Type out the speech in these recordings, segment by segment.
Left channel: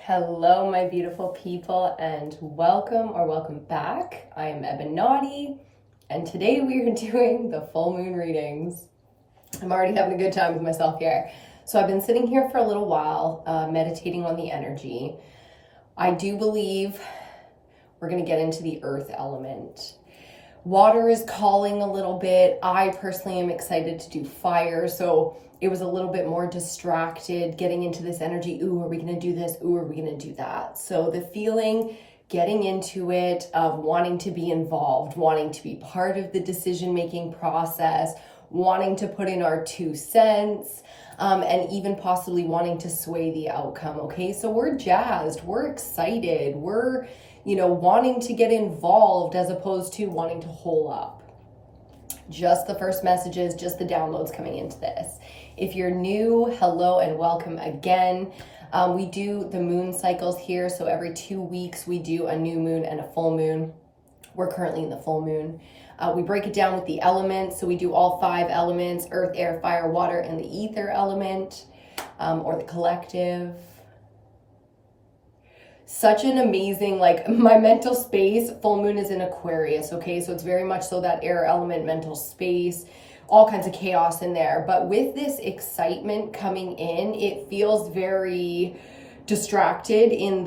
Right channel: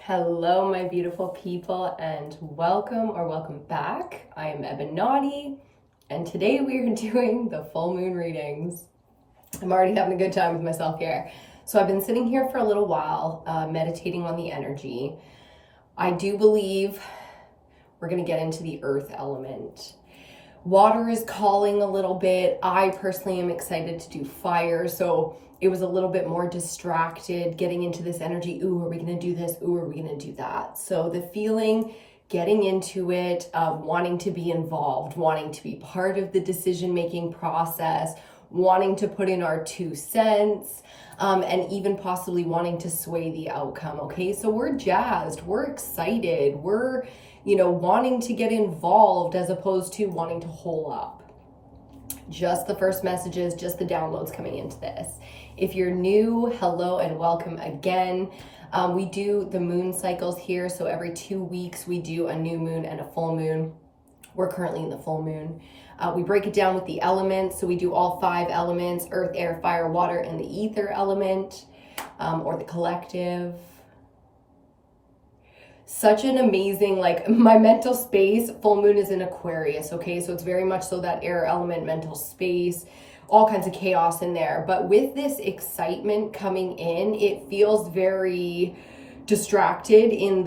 Hello, my beautiful people, and welcome back. I am EBINOTTI, and today we are doing the full moon readings. I'm already having a good time with myself here. So I've been sitting here for a little while, meditating on the energy. I do believe we're going to get into the earth element. Water is calling a little bit. I personally am excited to do fire, so it was a little bit more distracted getting into this energy. Ooh, are we going to do this? Ooh, are we going to do that? So the feeling, getting into it, wanting to be involved, wanting to be part of the decision-making process, wanting to put in our 2 cents, and even possibly wanting to sway the outcome, okay? So we're jazzed, we're excited, we're wanting to get involved as opposed to wanting to hole up. Just the first messages, just the downloads coming into this. If you're new, hello and welcome again. We do the moon cycles here. So every 2 weeks we do a new moon and a full moon. We're currently in the full moon. We break it down with the elements. So we do all 5 elements: earth, air, fire, water, and the ether element, or the collective. Such an amazing, my mental space, full moon is in Aquarius, okay? So it's very much so that air element mental space, all kinds of chaos in there. But with this excitement coming in, it feels very distracted in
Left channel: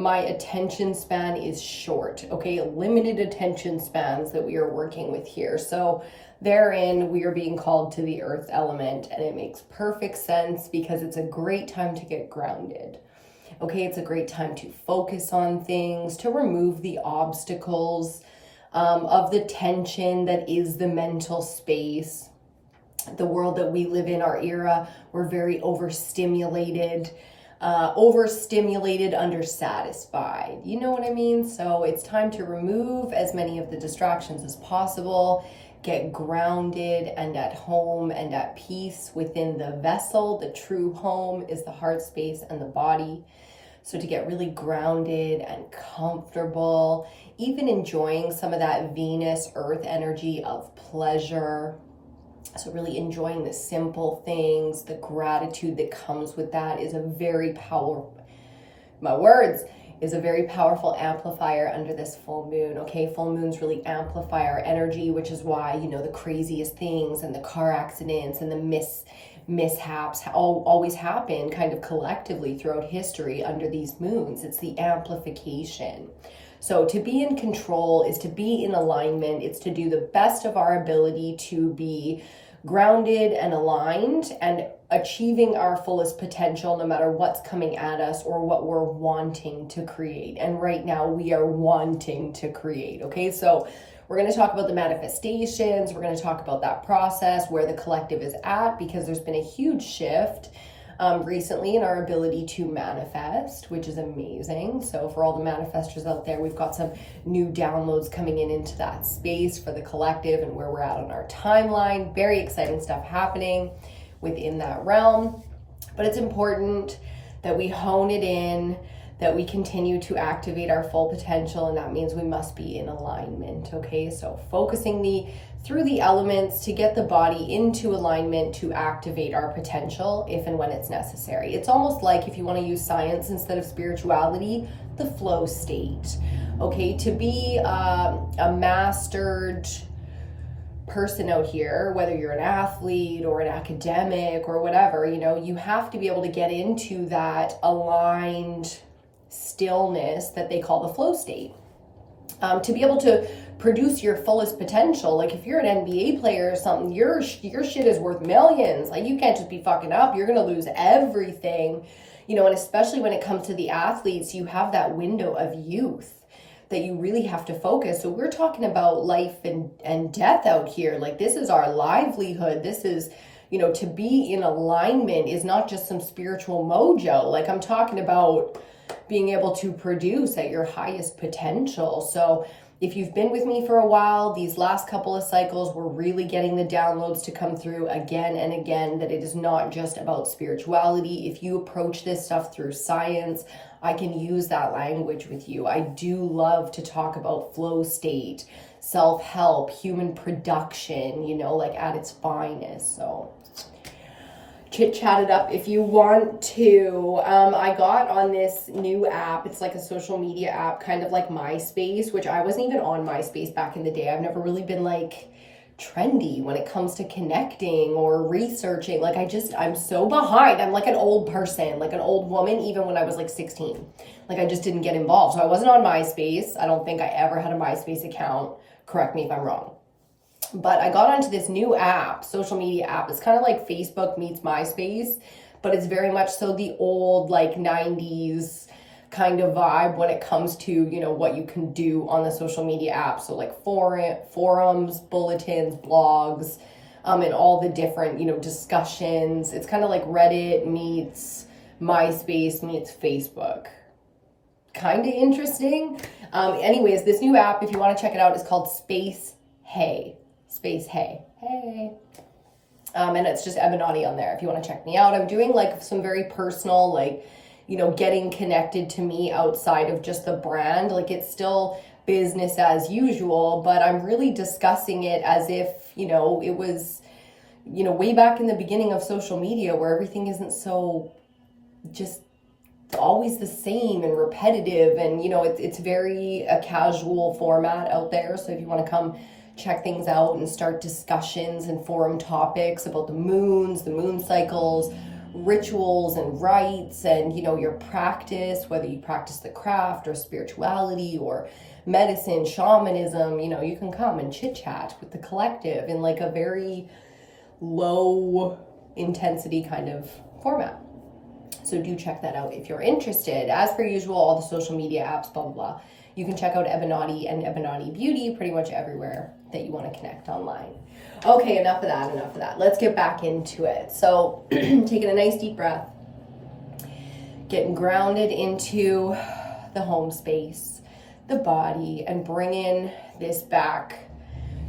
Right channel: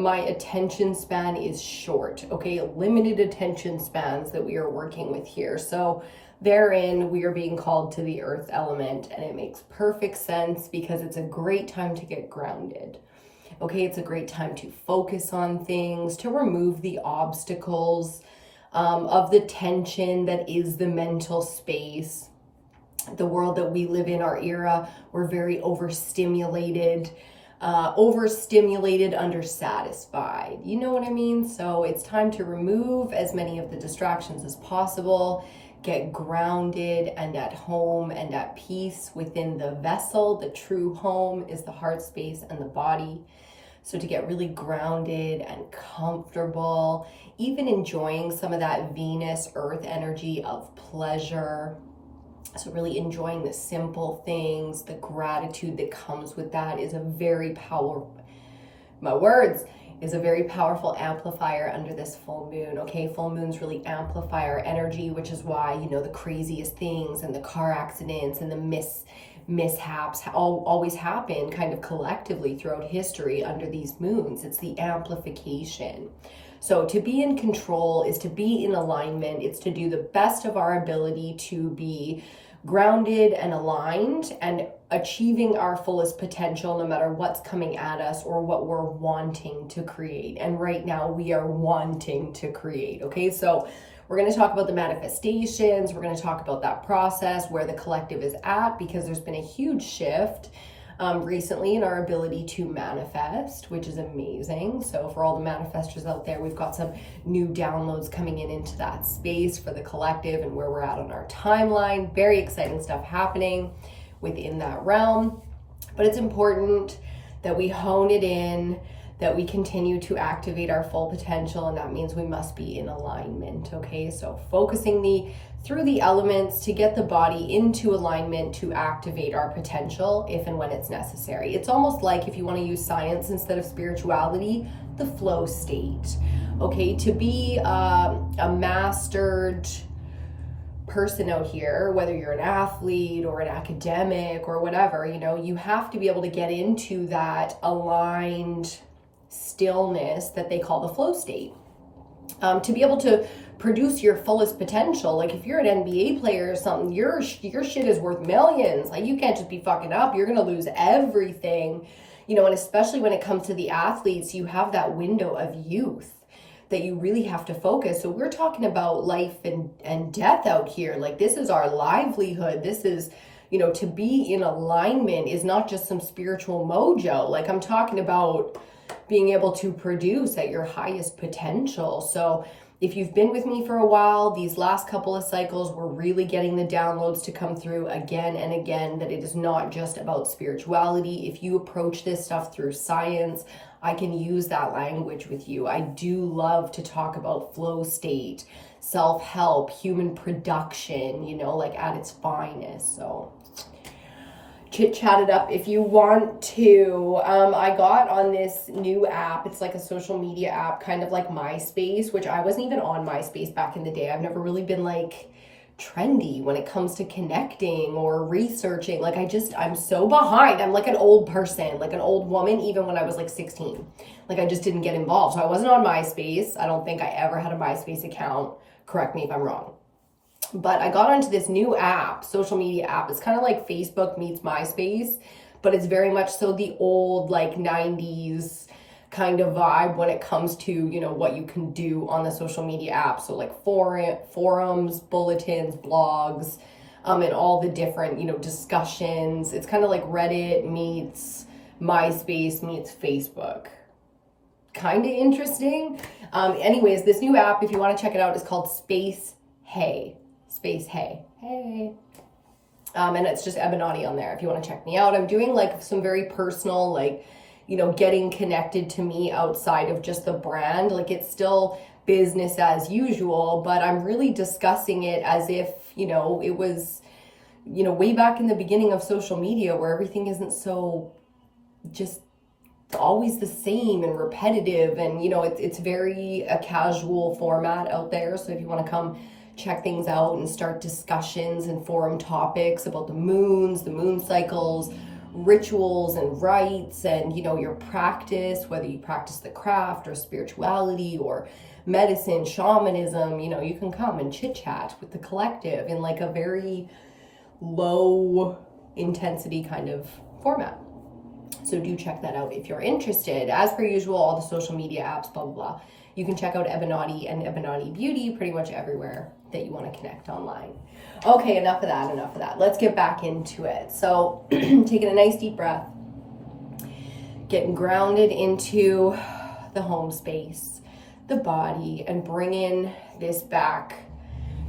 my attention span is short, okay? Limited attention spans that we are working with here. So therein, we are being called to the earth element, and it makes perfect sense because it's a great time to get grounded. Okay, it's a great time to focus on things, to remove the obstacles of the tension that is the mental space. The world that we live in, our era, we're very overstimulated, undersatisfied. You know what I mean? So it's time to remove as many of the distractions as possible, get grounded and at home and at peace within the vessel. The true home is the heart space and the body. So to get really grounded and comfortable, even enjoying some of that Venus earth energy of pleasure. So really enjoying the simple things, the gratitude that comes with that is a very powerful amplifier under this full moon, okay? Full moons really amplify our energy, which is why, the craziest things and the car accidents and the mishaps always happen kind of collectively throughout history under these moons. It's the amplification. So to be in control is to be in alignment. It's to do the best of our ability to be grounded and aligned and achieving our fullest potential no matter what's coming at us or what we're wanting to create. And right now we are wanting to create, okay? So we're going to talk about the manifestations. We're going to talk about that process, where the collective is at, because there's been a huge shift recently in our ability to manifest, which is amazing. So for all the manifestors out there, we've got some new downloads coming into that space for the collective and where we're at on our timeline. Very exciting stuff happening within that realm. But it's important that we hone it in, that we continue to activate our full potential, and that means we must be in alignment, okay? So focusing through the elements to get the body into alignment to activate our potential if and when it's necessary. It's almost like, if you want to use science instead of spirituality, the flow state, okay? To be a mastered person out here, whether you're an athlete or an academic or whatever, you have to be able to get into that aligned stillness that they call the flow state, to be able to produce your fullest potential. Like if you're an NBA player or something, your shit is worth millions. Like you can't just be fucking up. You're gonna lose everything, and especially when it comes to the athletes, you have that window of youth that you really have to focus. So we're talking about life and death out here. Like this is our livelihood. This is, to be in alignment is not just some spiritual mojo. Like I'm talking about being able to produce at your highest potential. So if you've been with me for a while, these last couple of cycles, we're really getting the downloads to come through again and again, that it is not just about spirituality. If you approach this stuff through science, I can use that language with you. I do love to talk about flow state, self-help, human production, at its finest. So chit chat it up if you want to. I got on this new app. It's like a social media app, kind of like MySpace, which I wasn't even on MySpace back in the day. I've never really been like trendy when it comes to connecting or researching. Like I'm so behind. I'm like an old person, like an old woman, even when I was like 16. Like I just didn't get involved. So I wasn't on MySpace. I don't think I ever had a MySpace account. Correct me if I'm wrong. But I got onto this new app, social media app. It's kind of like Facebook meets MySpace, but it's very much so the old like 90s kind of vibe when it comes to, you know, what you can do on the social media app. So like forums, bulletins, blogs, and all the different, you know, discussions. It's kind of like Reddit meets MySpace meets Facebook. Kind of interesting. Anyways, this new app, if you want to check it out, is called Space Hey. Hey. And it's just Ebinotti on there if you want to check me out. I'm doing like some very personal, like, you know, getting connected to me outside of just the brand. Like it's still business as usual, but I'm really discussing it as if, you know, it was, you know, way back in the beginning of social media where everything isn't so just always the same and repetitive. And, you know, it's very a casual format out there. So if you want to come check things out and start discussions and forum topics about the moons, the moon cycles, rituals and rites, and, you know, your practice, whether you practice the craft or spirituality or medicine, shamanism, you know, you can come and chit chat with the collective in like a very low intensity kind of format. So do check that out if you're interested. As per usual, all the social media apps, blah, blah, blah. You can check out Ebinotti and Ebinotti Beauty pretty much everywhere that you want to connect online. Okay, enough of that. Let's get back into it. So taking a nice deep breath, getting grounded into the home space, the body, and bringing this back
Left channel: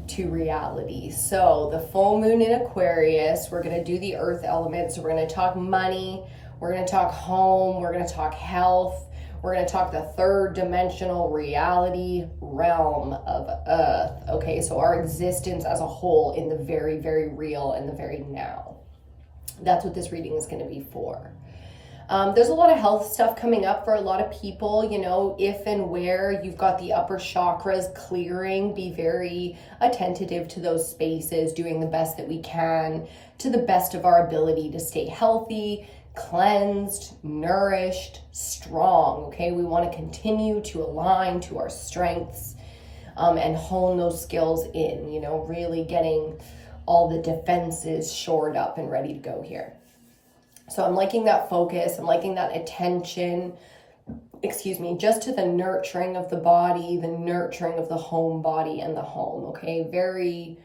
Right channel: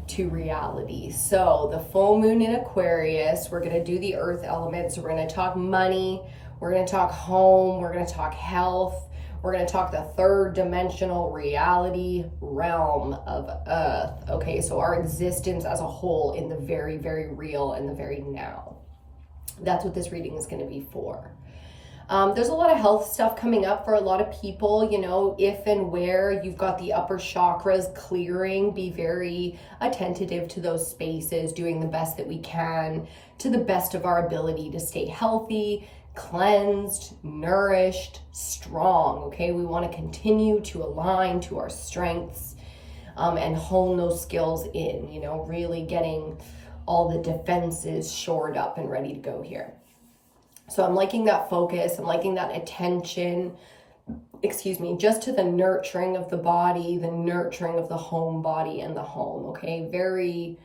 to reality. So the full moon in Aquarius, we're going to do the earth elements. So we're going to talk money, we're going to talk home, we're going to talk health. We're going to talk the third dimensional reality realm of Earth. Okay, so our existence as a whole in the very, very real and the very now. That's what this reading is going to be for. There's a lot of health stuff coming up for a lot of people, you know, if and where you've got the upper chakras clearing, be very attentive to those spaces, doing the best that we can to the best of our ability to stay healthy, cleansed, nourished, strong. Okay, we want to continue to align to our strengths and hone those skills in, you know, really getting all the defenses shored up and ready to go here. So I'm liking that focus, I'm liking that attention, just to the nurturing of the body, the nurturing of the home body and the home. Okay, very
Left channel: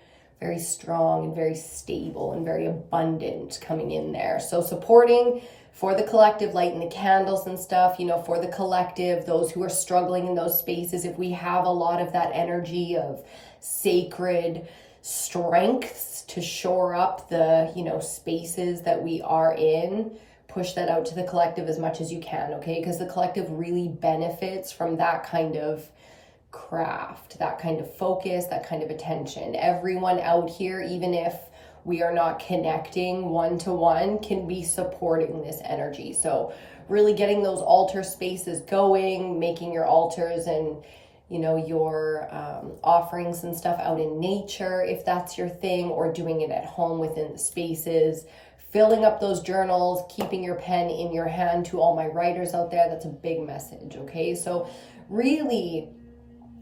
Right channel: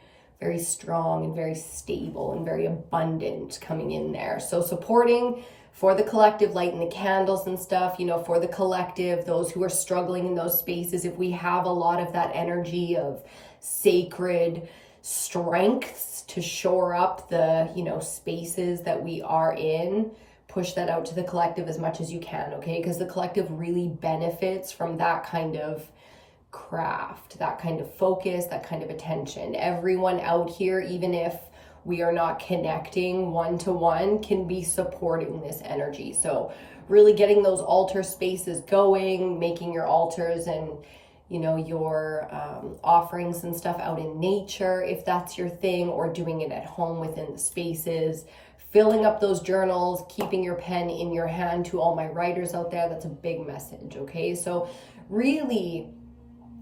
strong and very stable and very abundant coming in there. So supporting for the collective, lighting the candles and stuff, you know, for the collective, those who are struggling in those spaces. If we have a lot of that energy of sacred strengths to shore up the, you know, spaces that we are in, push that out to the collective as much as you can, okay? Because the collective really benefits from that kind of craft, that kind of focus, that kind of attention. Everyone out here, even if we are not connecting one-to-one, can be supporting this energy. So really getting those altar spaces going, making your altars and, you know, your offerings and stuff out in nature, if that's your thing, or doing it at home within the spaces, filling up those journals, keeping your pen in your hand. To all my writers out there, that's a big message, okay? So really,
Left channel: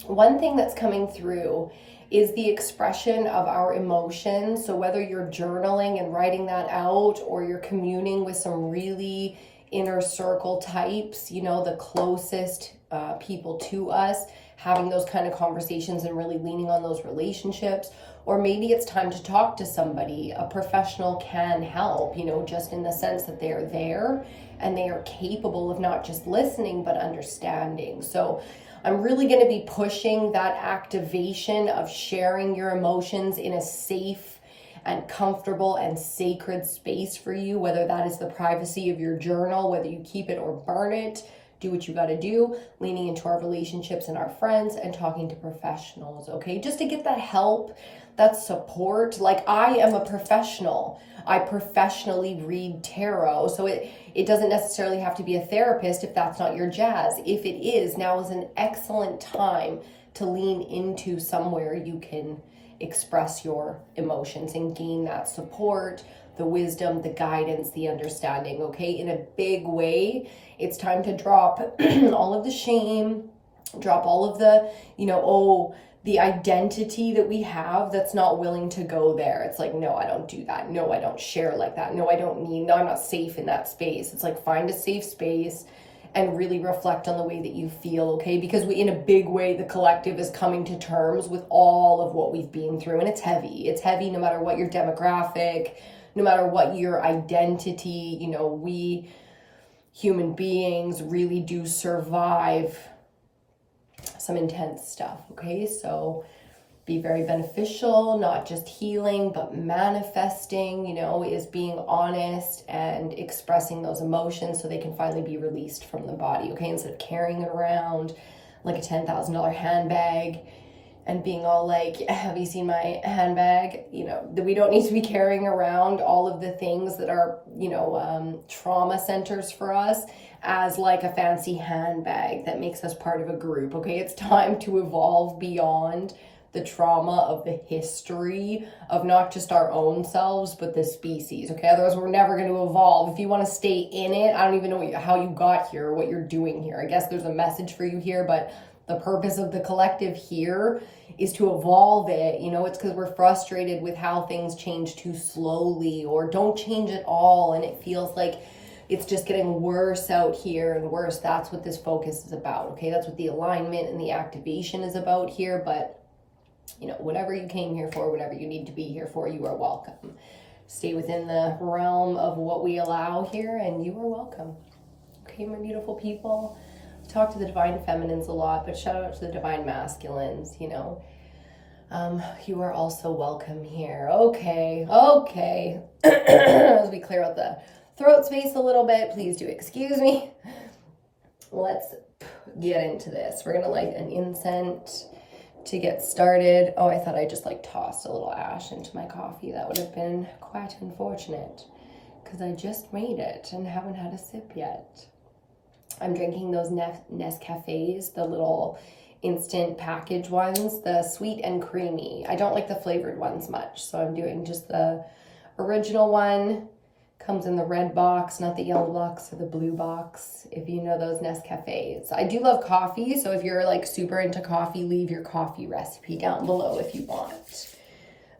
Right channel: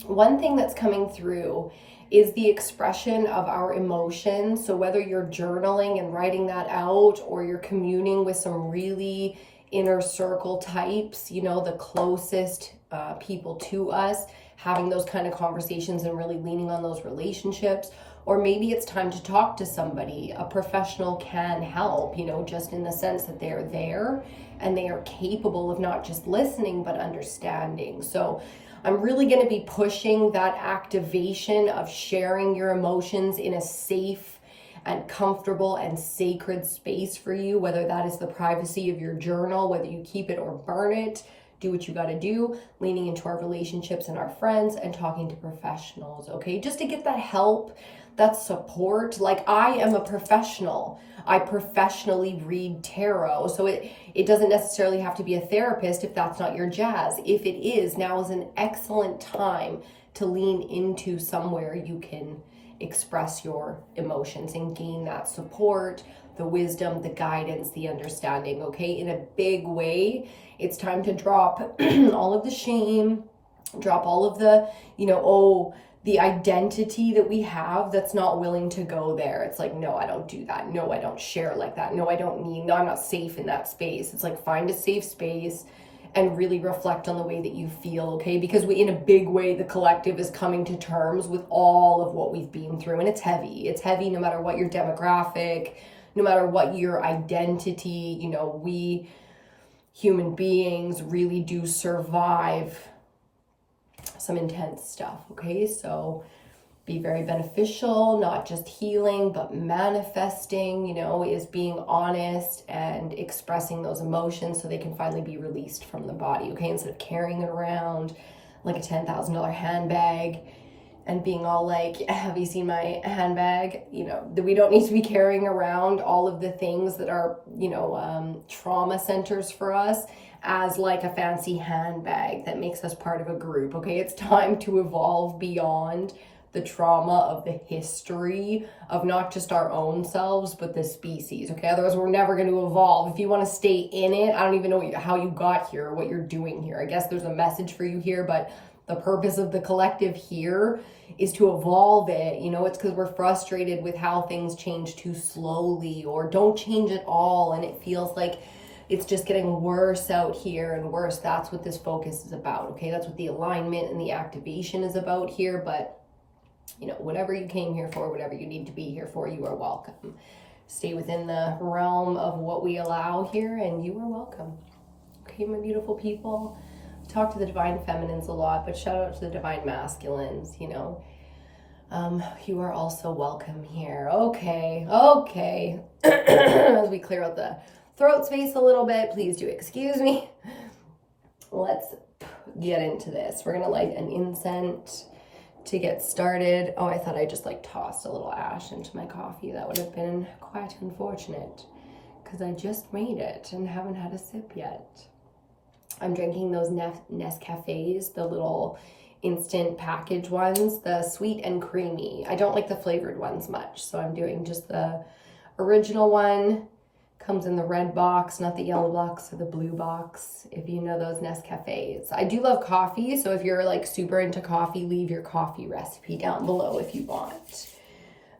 one thing that's coming through is the expression of our emotions. So whether you're journaling and writing that out, or you're communing with some really inner circle types, you know, the closest people to us, having those kind of conversations and really leaning on those relationships. Or maybe it's time to talk to somebody. A professional can help, you know, just in the sense that they're there and they are capable of not just listening, but understanding. So I'm really going to be pushing that activation of sharing your emotions in a safe and comfortable and sacred space for you, whether that is the privacy of your journal, whether you keep it or burn it. Do what you got to do, leaning into our relationships and our friends and talking to professionals, okay? Just to get that help, That's support. Like, I am a professional. I professionally read tarot. So it doesn't necessarily have to be a therapist if that's not your jazz. If it is, now is an excellent time to lean into somewhere you can express your emotions and gain that support, the wisdom, the guidance, the understanding, okay? In a big way, it's time to drop all of the shame, drop all of the, the identity that we have that's not willing to go there. It's like, no, I don't do that. No, I don't share like that. No, I don't need, no, I'm not safe in that space. It's like, find a safe space and really reflect on the way that you feel, okay? Because in a big way, the collective is coming to terms with all of what we've been through, and it's heavy. It's heavy no matter what your demographic, no matter what your identity. We human beings really do survive some intense stuff, okay? So be very beneficial, not just healing, but manifesting, is being honest and expressing those emotions so they can finally be released from the body, okay? Instead of carrying it around like a $10,000 handbag and being all like, have you seen my handbag? We don't need to be carrying around all of the things that are, trauma centers for us as like a fancy handbag that makes us part of a group, okay? It's time to evolve beyond the trauma of the history of not just our own selves, but the species, okay? Otherwise, we're never going to evolve. If you want to stay in it, I don't even know how you got here, what you're doing here. I guess there's a message for you here, but the purpose of the collective here is to evolve it. It's because we're frustrated with how things change too slowly or don't change at all, and it feels like it's just getting worse out here and worse. That's what this focus is about, okay? That's what the alignment and the activation is about here, but whatever you came here for, whatever you need to be here for, you are welcome. Stay within the realm of what we allow here, and you are welcome. Okay, my beautiful people. Talk to the divine feminines a lot, but shout out to the divine masculines, you are also welcome here. Okay. As we clear out the throat space a little bit, please do excuse me. Let's get into this. We're gonna light an incense to get started. Oh, I thought I just tossed a little ash into my coffee. That would have been quite unfortunate because I just made it and haven't had a sip yet. I'm drinking those Nescafes, the little instant package ones, the sweet and creamy. I don't like the flavored ones much, so I'm doing just the original one. Comes in the red box, not the yellow box or the blue box, if you know those Nescafes. I do love coffee, so if you're super into coffee, leave your coffee recipe down below if you want.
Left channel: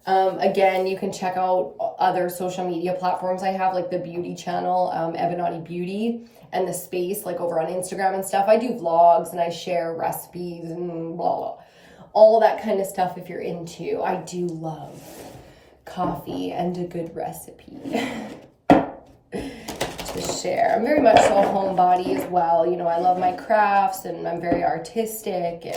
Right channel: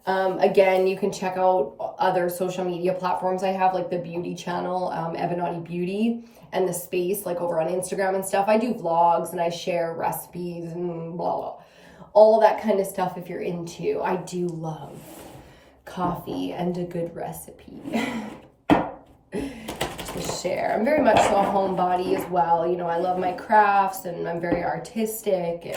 Again, you can check out other social media platforms I have, like the beauty channel, Ebinotti Beauty, and the space, over on Instagram and stuff. I do vlogs and I share recipes and blah, blah, all that kind of stuff if you're into. I do love coffee and a good recipe. To share. I'm very much so a homebody as well. I love my crafts and I'm very artistic, and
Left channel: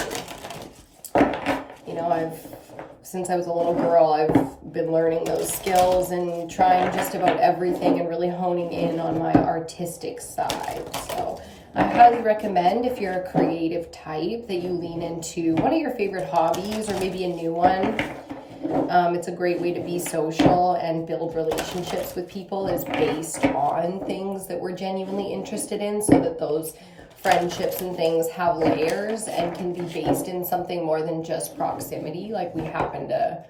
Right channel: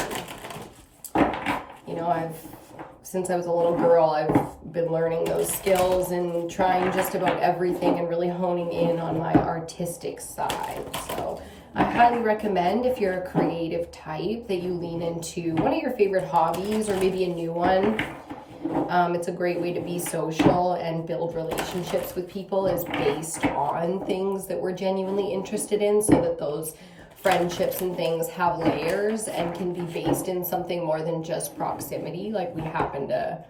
since I was a little girl, I've been learning those skills and trying just about everything and really honing in on my artistic side. So I highly recommend, if you're a creative type, that you lean into one of your favorite hobbies or maybe a new one. It's a great way to be social and build relationships with people, is based on things that we're genuinely interested in, so that those friendships and things have layers and can be based in something more than just proximity. Like, we happen to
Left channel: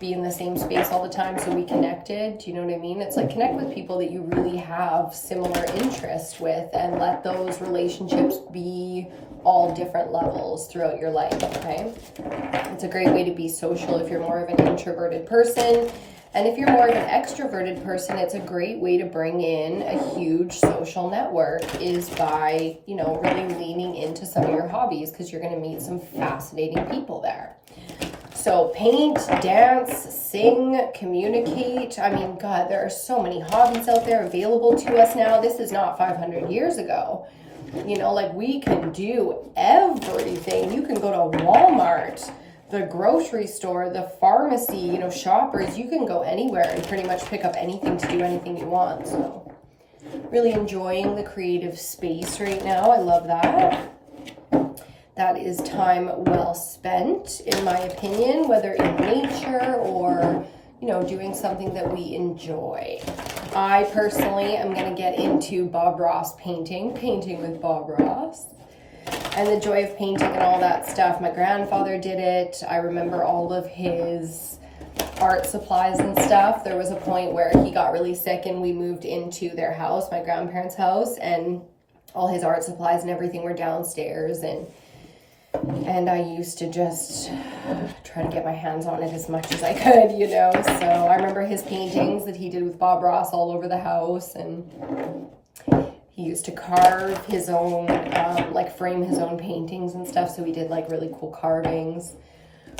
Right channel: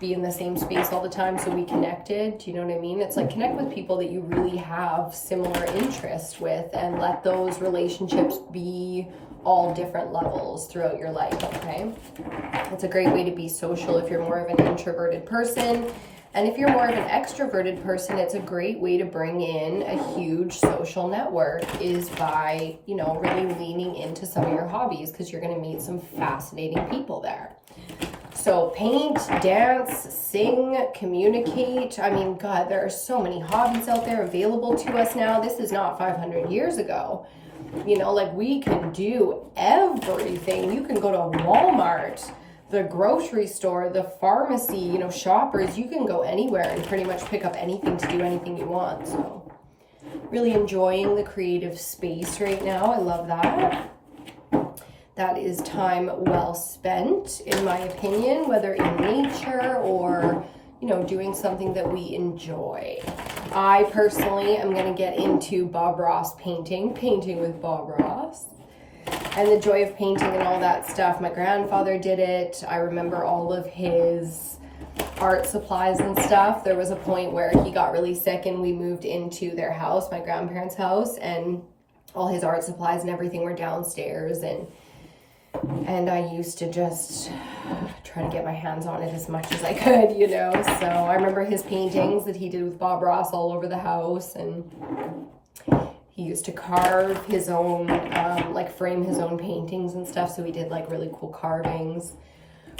be in the same space all the time, so we connected. Do you know what I mean? It's like, connect with people that you really have similar interests with, and let those relationships be all different levels throughout your life, okay? It's a great way to be social if you're more of an introverted person. And if you're more of an extroverted person, it's a great way to bring in a huge social network, is by, really leaning into some of your hobbies, because you're going to meet some fascinating people there. So paint, dance, sing, communicate. I mean, God, there are so many hobbies out there available to us now. This is not 500 years ago. We can do everything. You can go to Walmart, the grocery store, the pharmacy, Shoppers. You can go anywhere and pretty much pick up anything to do anything you want. So really enjoying the creative space right now. I love that. That is time well spent, in my opinion, whether in nature or, you know, doing something that we enjoy. I personally am going to get into Bob Ross painting with Bob Ross. And the joy of painting and all that stuff. My grandfather did it. I remember all of his art supplies and stuff. There was a point where he got really sick and we moved into their house, my grandparents' house, and all his art supplies and everything were downstairs, and I used to just try to get my hands on it as much as I could, you know. So I remember his paintings that he did with Bob Ross all over the house, and he used to carve his own, like frame his own paintings and stuff. So he did like really cool carvings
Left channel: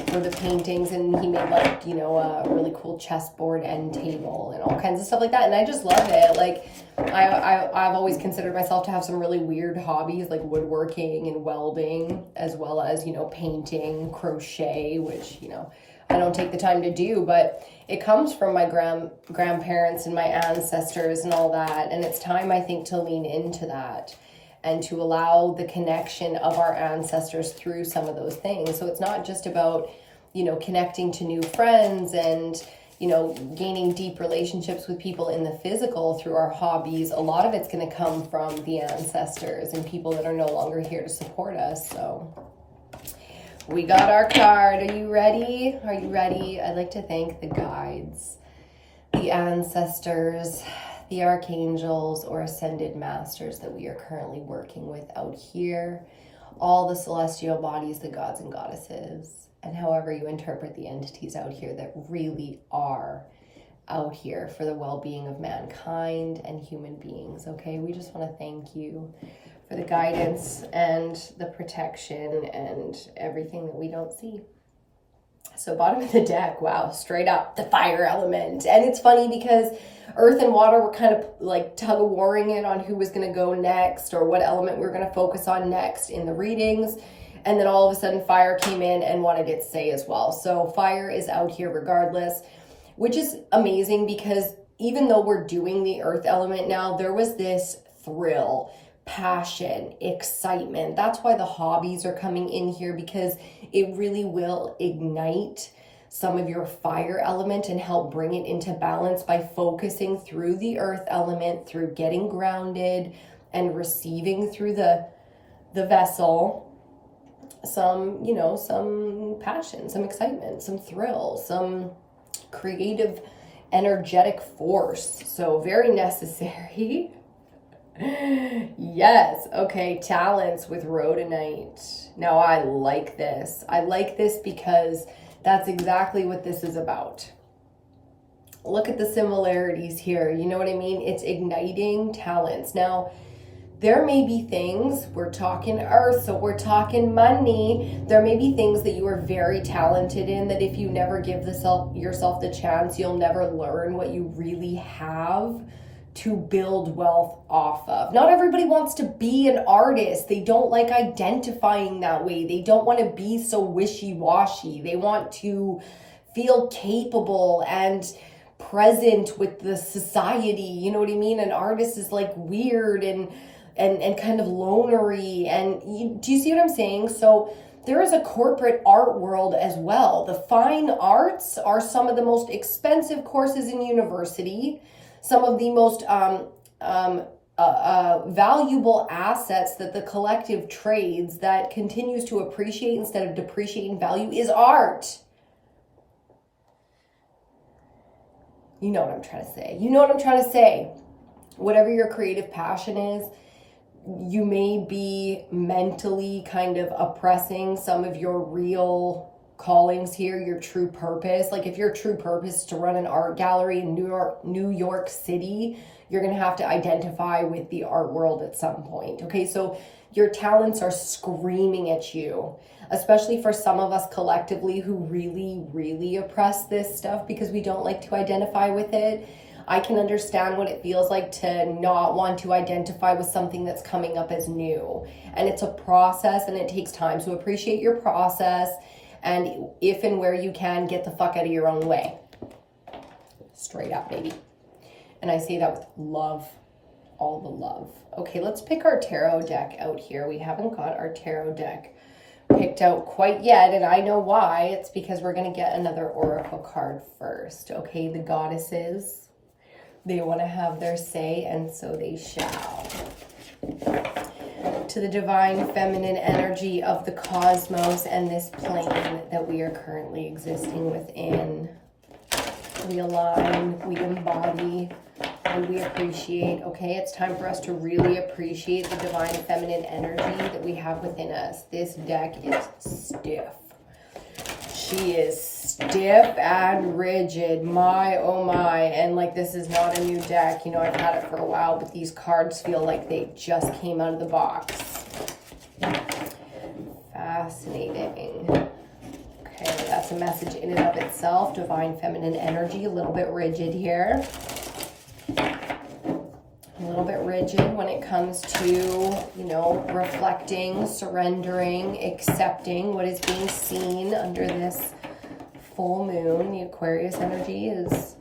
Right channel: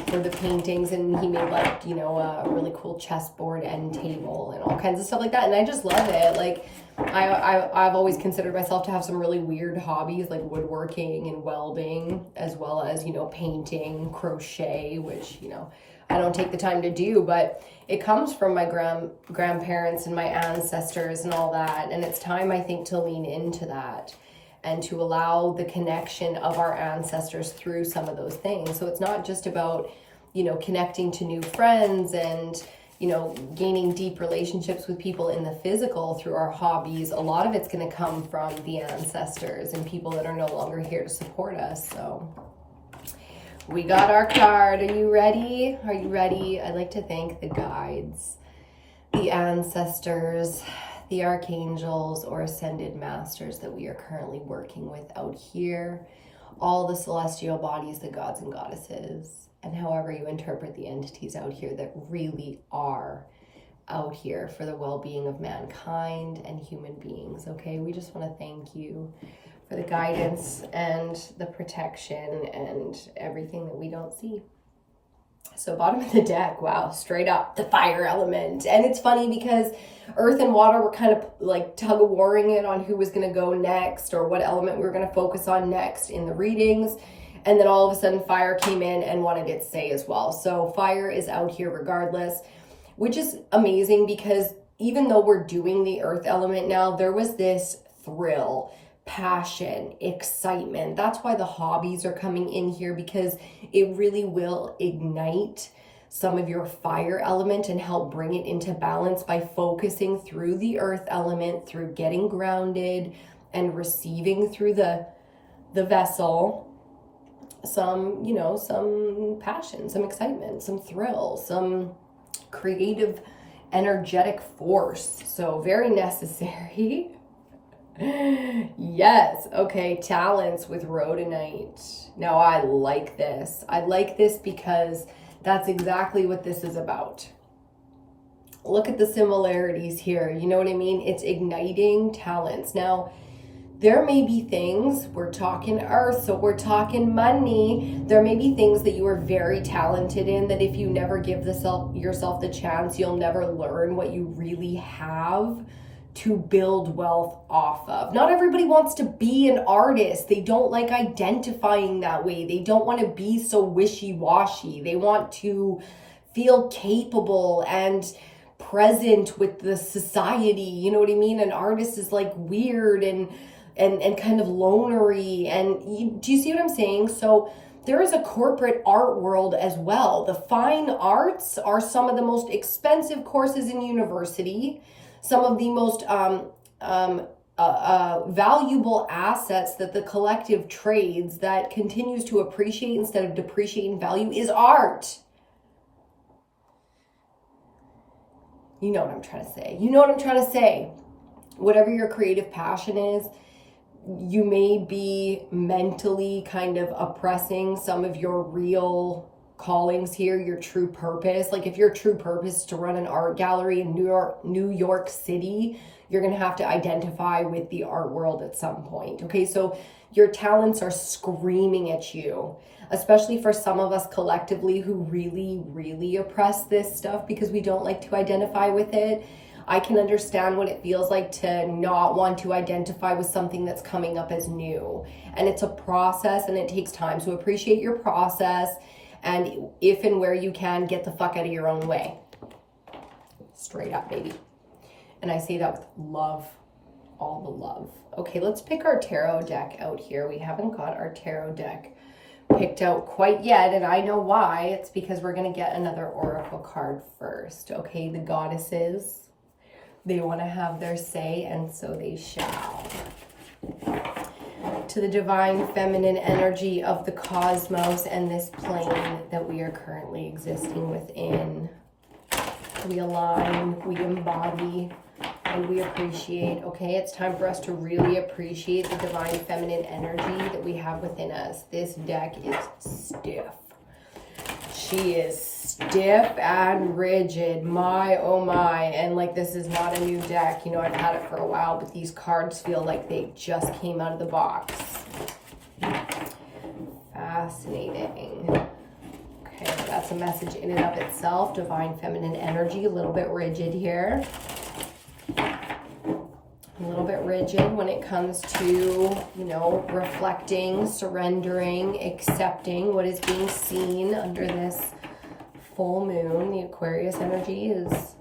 for the paintings, and he made like, you know, a really cool chessboard end table and all kinds of stuff like that. And I just love it. Like I've always considered myself to have some really weird hobbies like woodworking and welding, as well as, you know, painting, crochet, which, you know, I don't take the time to do, but it comes from my grandparents and my ancestors and all that. And it's time, I think, to lean into that and to allow the connection of our ancestors through some of those things. So it's not just about, you know, connecting to new friends and, you know, gaining deep relationships with people in the physical through our hobbies. A lot of it's going to come from the ancestors and people that are no longer here to support us. So we got our card. Are you ready? Are you ready? I'd like to thank the guides, the ancestors, the archangels or ascended masters that we are currently working with out here, all the celestial bodies, the gods and goddesses, and however you interpret the entities out here that really are out here for the well-being of mankind and human beings. Okay, we just want to thank you for the guidance and the protection and everything that we don't see. So bottom of the deck, wow, straight up the fire element. And it's funny because earth and water were kind of like tug-of-warring it on who was going to go next or what element we were going to focus on next in the readings. And then all of a sudden fire came in and wanted its say as well. So fire is out here regardless, which is amazing because even though we're doing the earth element now, there was this thrill, passion, excitement. That's why the hobbies are coming in here, because it really will ignite some of your fire element and help bring it into balance by focusing through the earth element, through getting grounded and receiving through the vessel some, you know, some passion, some excitement, some thrill, some creative, energetic force. So very necessary. Yes. Okay. Talents with rhodonite. Now I like this. I like this because that's exactly what this is about. Look at the similarities here. You know what I mean? It's igniting talents. Now, there may be things, we're talking earth, so we're talking money. There may be things that you are very talented in that if you never give yourself the chance, you'll never learn what you really have to build wealth off of. Not everybody wants to be an artist. They don't like identifying that way. They don't want to be so wishy-washy. They want to feel capable and present with the society. You know what I mean? An artist is like weird and kind of lonery. And do you see what I'm saying? So there is a corporate art world as well. The fine arts are some of the most expensive courses in university, some of the most valuable assets that the collective trades that continues to appreciate instead of depreciate in value is art. You know what I'm trying to say. You know what I'm trying to say. Whatever your creative passion is, you may be mentally kind of oppressing some of your real callings here, your true purpose. Like if your true purpose is to run an art gallery in New York City, you're going to have to identify with the art world at some point. Okay, so your talents are screaming at you, especially for some of us collectively who really, really oppress this stuff because we don't like to identify with it. I can understand what it feels like to not want to identify with something that's coming up as new. And it's a process and it takes time. So appreciate your process. And if and where you can, get the fuck out of your own way. Straight up, baby. And I say that with love, all the love. Okay, let's pick our tarot deck out here. We haven't got our tarot deck picked out quite yet, and I know why. It's because we're going to get another oracle card first. Okay, the goddesses, they want to have their say, and so they shall. To the divine feminine energy of the cosmos and this plane that we are currently existing within, we align, we embody, and we appreciate. Okay, it's time for us to really appreciate the divine feminine energy that we have within us. This deck is stiff. She is stiff and rigid. My, oh my. And like, this is not a new deck. You know, I've had it for a while, but these cards feel like they just came out of the box. Fascinating. Okay, that's a message in and of itself. Divine feminine energy, a little bit rigid here. A little bit rigid when it comes to, you know, reflecting, surrendering, accepting what is being seen under this full moon. The Aquarius energy is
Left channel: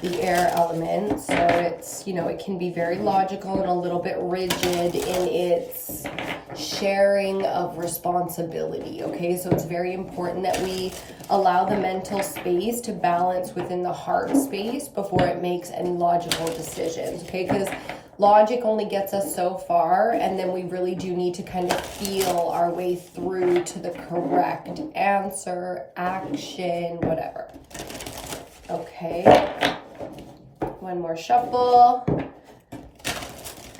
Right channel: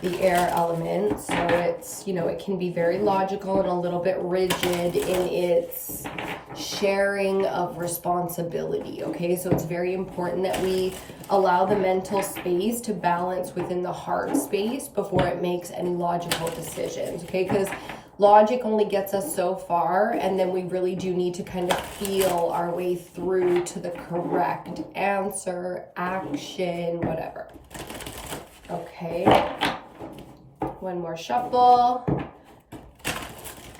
the air element, so it's, you know, it can be very logical and a little bit rigid in its sharing of responsibility. Okay, so it's very important that we allow the mental space to balance within the heart space before it makes any logical decisions. Okay, because logic only gets us so far, and then we really do need to kind of feel our way through to the correct answer, action, whatever. Okay, one more shuffle,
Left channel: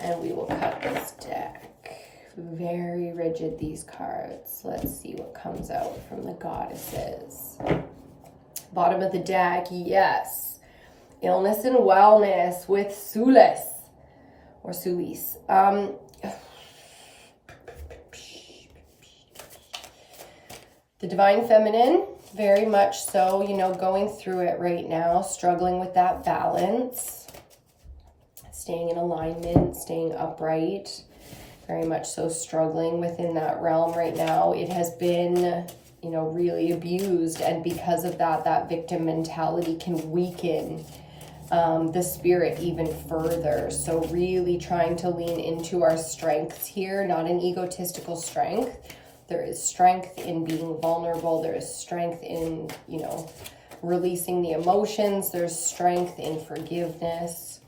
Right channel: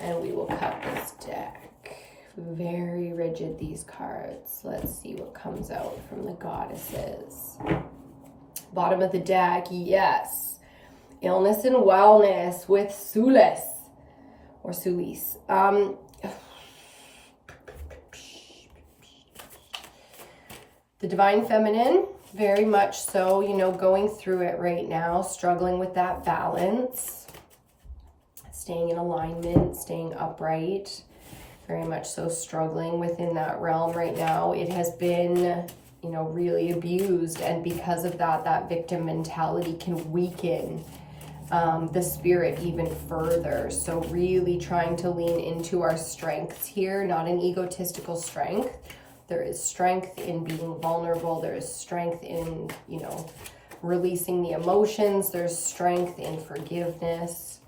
and we will cut this deck. Very rigid, these cards. Let's see what comes out from the goddesses. Bottom of the deck, yes. Illness and wellness with Sulis. Or Suis. The divine feminine, very much so, you know, going through it right now, struggling with that balance, staying in alignment, staying upright, very much so struggling within that realm right now. It has been, you know, really abused, and because of that, that victim mentality can weaken the spirit even further. So really trying to lean into our strengths here, not an egotistical strength. There is strength in being vulnerable. There is strength in, you know, releasing the emotions. There's strength in forgiveness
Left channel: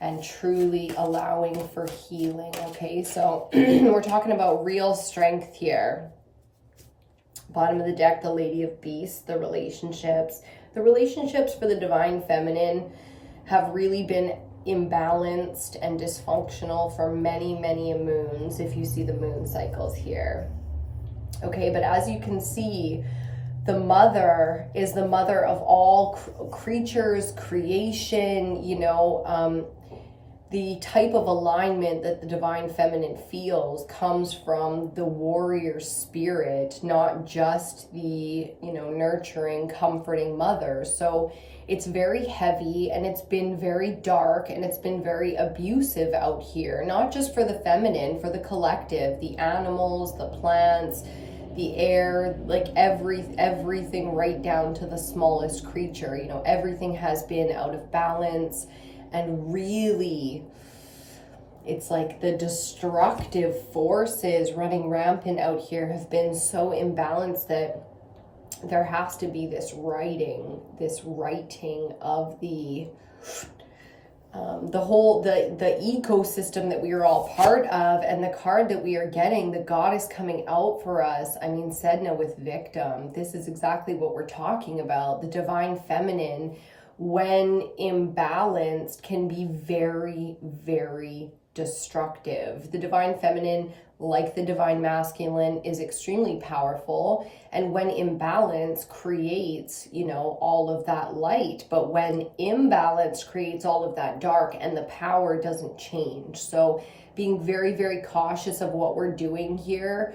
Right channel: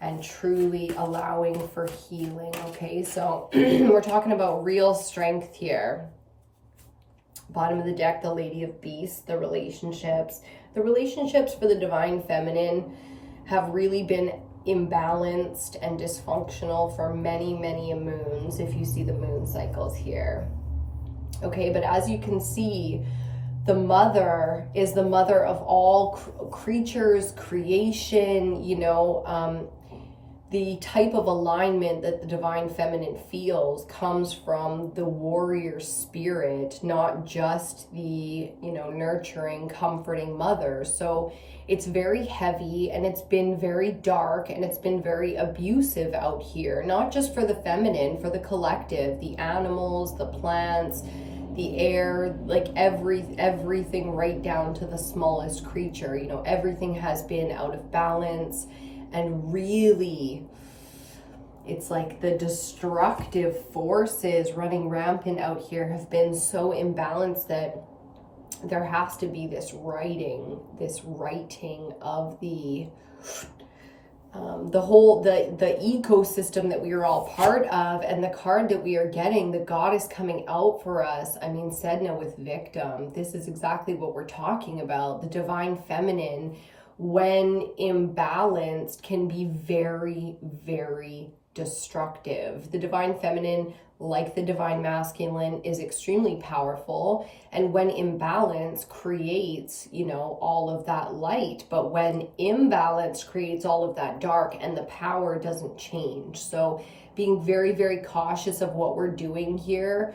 and truly allowing for healing. Okay, so we're talking about real strength here. Bottom of the deck, the Lady of Beasts, the relationships. The relationships for the divine feminine have really been imbalanced and dysfunctional for many, many moons, if you see the moon cycles here. Okay, but as you can see, the mother is the mother of all creatures, creation, you know, the type of alignment that the divine feminine feels comes from the warrior spirit, not just the, you know, nurturing, comforting mother. So it's very heavy, and it's been very dark, and it's been very abusive out here, not just for the feminine, for the collective, the animals, the plants, the air, like everything right down to the smallest creature. You know, everything has been out of balance, and really it's like the destructive forces running rampant out here have been so imbalanced that there has to be this righting of the ecosystem that we are all part of. And the card that we are getting, the goddess coming out for us, I mean, Sedna with victim, this is exactly what we're talking about. The divine feminine, when imbalanced, can be very, very destructive. The divine feminine, like the divine masculine, is extremely powerful, and when imbalanced creates, you know, all of that light, but when imbalance creates all of that dark, and the power doesn't change. So being very, very cautious of what we're doing here.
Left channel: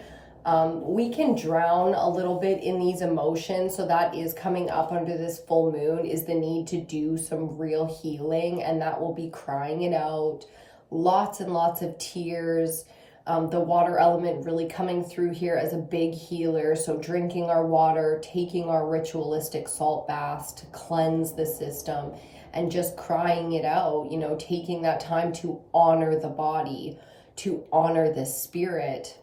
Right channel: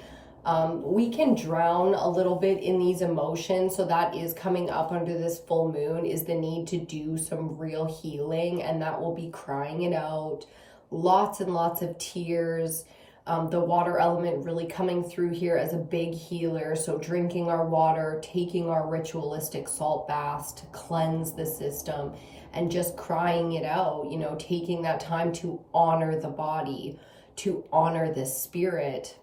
We can drown a little bit in these emotions, so that is coming up under this full moon, is the need to do some real healing, and that will be crying it out, lots and lots of tears. The water element really coming through here as a big healer. So drinking our water, taking our ritualistic salt baths to cleanse the system, and just crying it out, you know, taking that time to honor the body, to honor the spirit,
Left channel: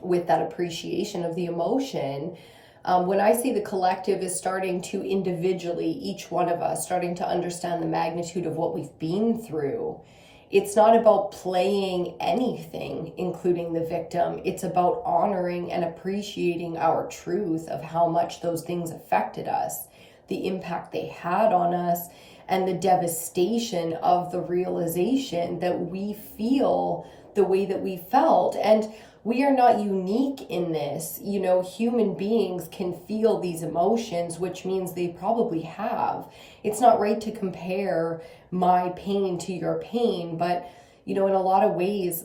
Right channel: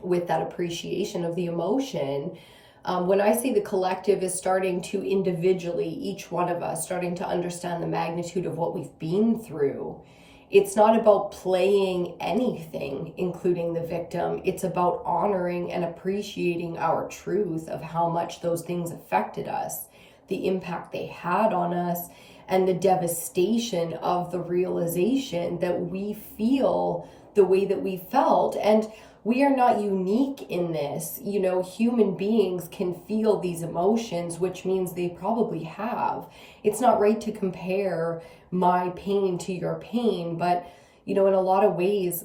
with that appreciation of the emotion. When I say the collective is starting to individually, each one of us starting to understand the magnitude of what we've been through, it's not about playing anything, including the victim. It's about honoring and appreciating our truth of how much those things affected us, the impact they had on us, and the devastation of the realization that we feel the way that we felt. And we are not unique in this. You know, human beings can feel these emotions, which means they probably have. It's not right to compare my pain to your pain, but, you know, in a lot of ways,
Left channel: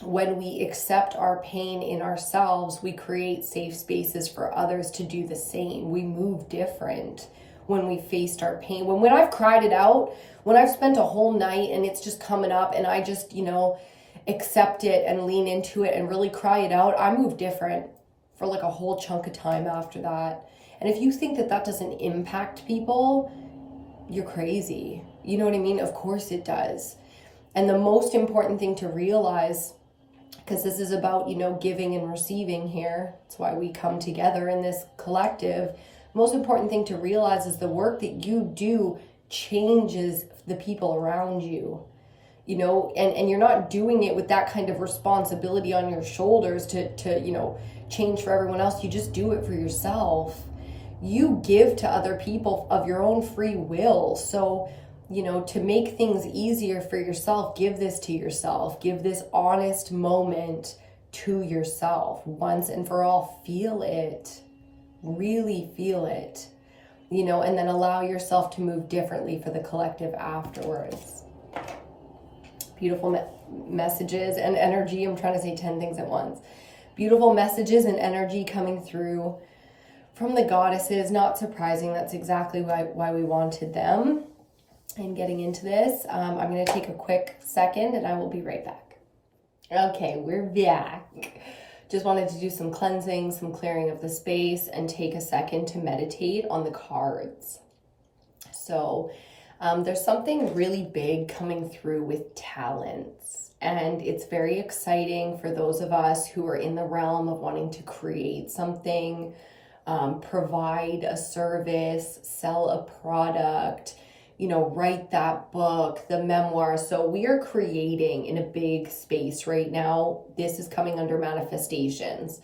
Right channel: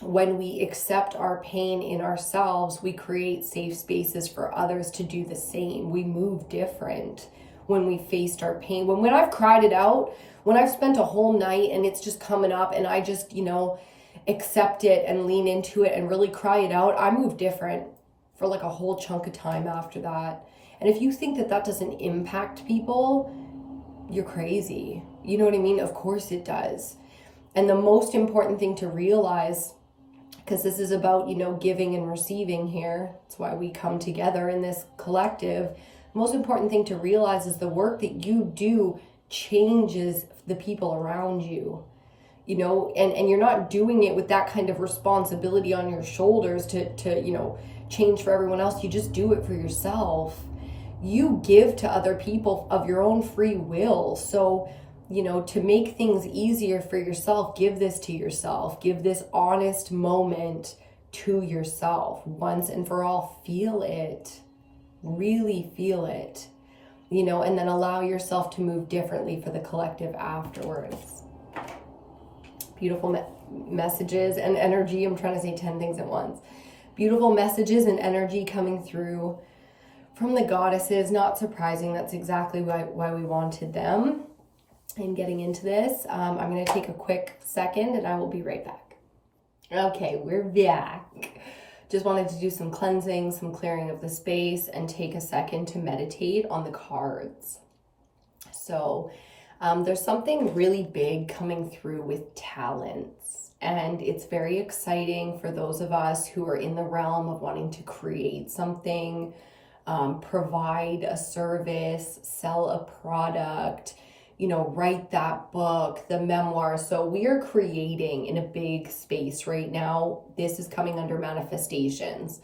when we accept our pain in ourselves, we create safe spaces for others to do the same. We move different when we faced our pain. When I've cried it out, when I've spent a whole night and it's just coming up and I just, you know, accept it and lean into it and really cry it out, I move different for like a whole chunk of time after that. And if you think that that doesn't impact people, you're crazy. You know what I mean? Of course it does. And the most important thing to realize, because this is about, you know, giving and receiving here, that's why we come together in this collective. Most important thing to realize is the work that you do changes the people around you. You know, and you're not doing it with that kind of responsibility on your shoulders to, you know, change for everyone else. You just do it for yourself. You give to other people of your own free will. So, you know, to make things easier for yourself, give this to yourself. Give this honest moment to yourself once and for all. Feel it. Really feel it. You know, and then allow yourself to move differently for the collective afterwards. Beautiful messages and energy. I'm trying to say 10 things at once. Beautiful messages and energy coming through from the goddesses. Not surprising. That's exactly why we wanted them. And getting into this, I'm going to take a quick second and I will be right back. Okay, we're back. Just wanted to do some cleansing, some clearing of the space, and take a second to meditate on the cards. So, there's something really big coming through with talents, and it's very exciting for those of us who are in the realm of wanting to create something, provide a service, sell a product, you know, write that book, the memoir. So we are creating in a big space right now. This is coming under manifestations.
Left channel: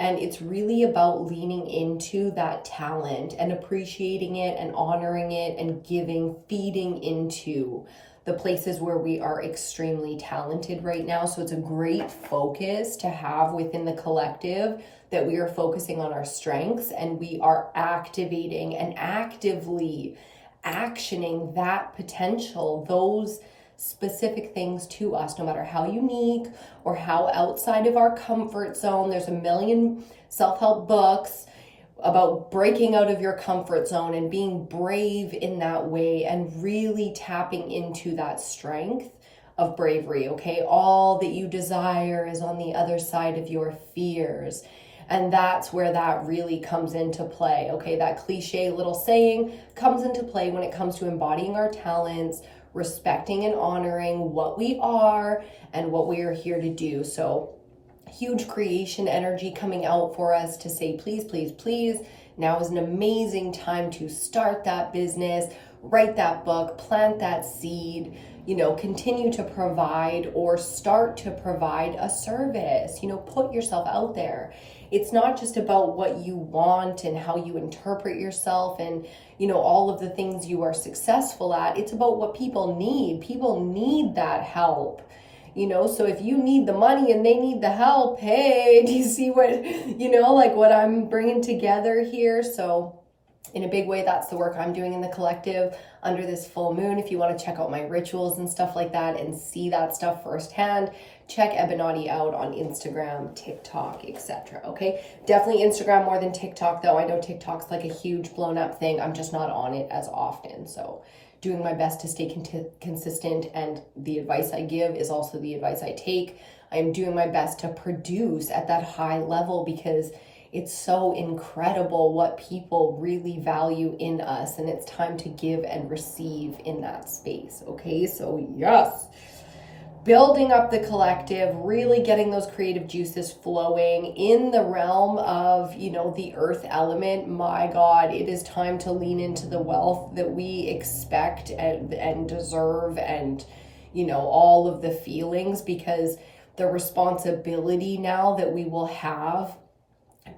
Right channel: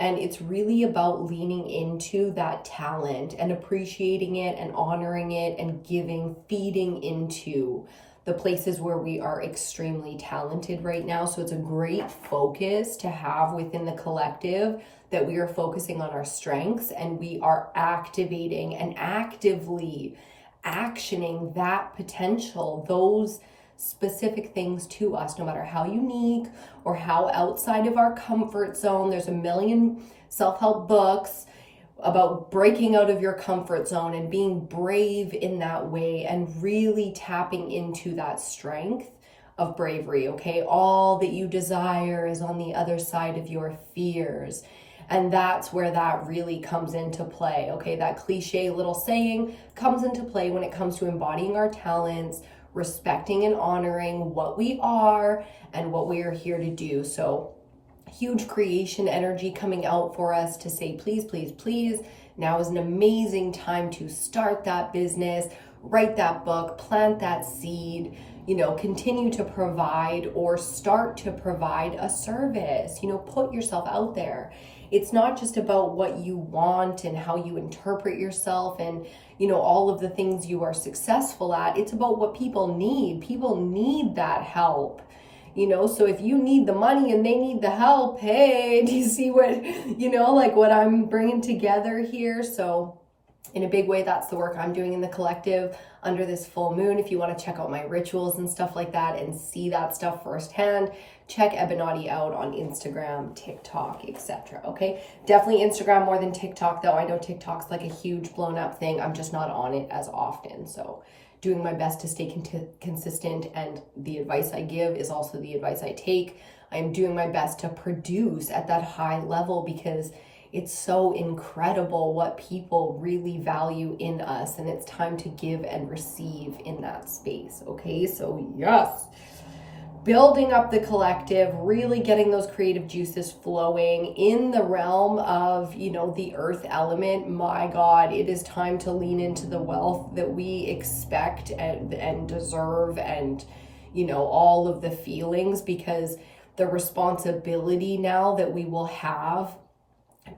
And it's really about leaning into that talent and appreciating it and honoring it and giving, feeding into the places where we are extremely talented right now. So it's a great focus to have within the collective, that we are focusing on our strengths and we are activating and actively actioning that potential, those specific things to us, no matter how unique or how outside of our comfort zone. There's a million self-help books about breaking out of your comfort zone and being brave in that way and really tapping into that strength of bravery, okay? All that you desire is on the other side of your fears. And that's where that really comes into play, okay? That cliche little saying comes into play when it comes to embodying our talents, respecting and honoring what we are and what we are here to do. So huge creation energy coming out for us to say, please, please, please. Now is an amazing time to start that business, write that book, plant that seed, you know, continue to provide or start to provide a service, you know, put yourself out there. It's not just about what you want and how you interpret yourself and, you know, all of the things you are successful at. It's about what people need. People need that help, you know? So if you need the money and they need the help, hey, do you see what, you know, like what I'm bringing together here? So in a big way, that's the work I'm doing in the collective under this full moon. If you want to check out my rituals and stuff like that and see that stuff firsthand, check EBINOTTI out on Instagram, TikTok, etc. Okay, definitely Instagram more than TikTok, though. I know TikTok's like a huge blown up thing. I'm just not on it as often. So doing my best to stay consistent, and the advice I give is also the advice I take. I am doing my best to produce at that high level because it's so incredible what people really value in us, and it's time to give and receive in that space. Okay, so yes. building up the collective, really getting those creative juices flowing in the realm of, you know, the earth element. My God, it is time to lean into the wealth that we expect and deserve, and, you know, all of the feelings, because the responsibility now that we will have,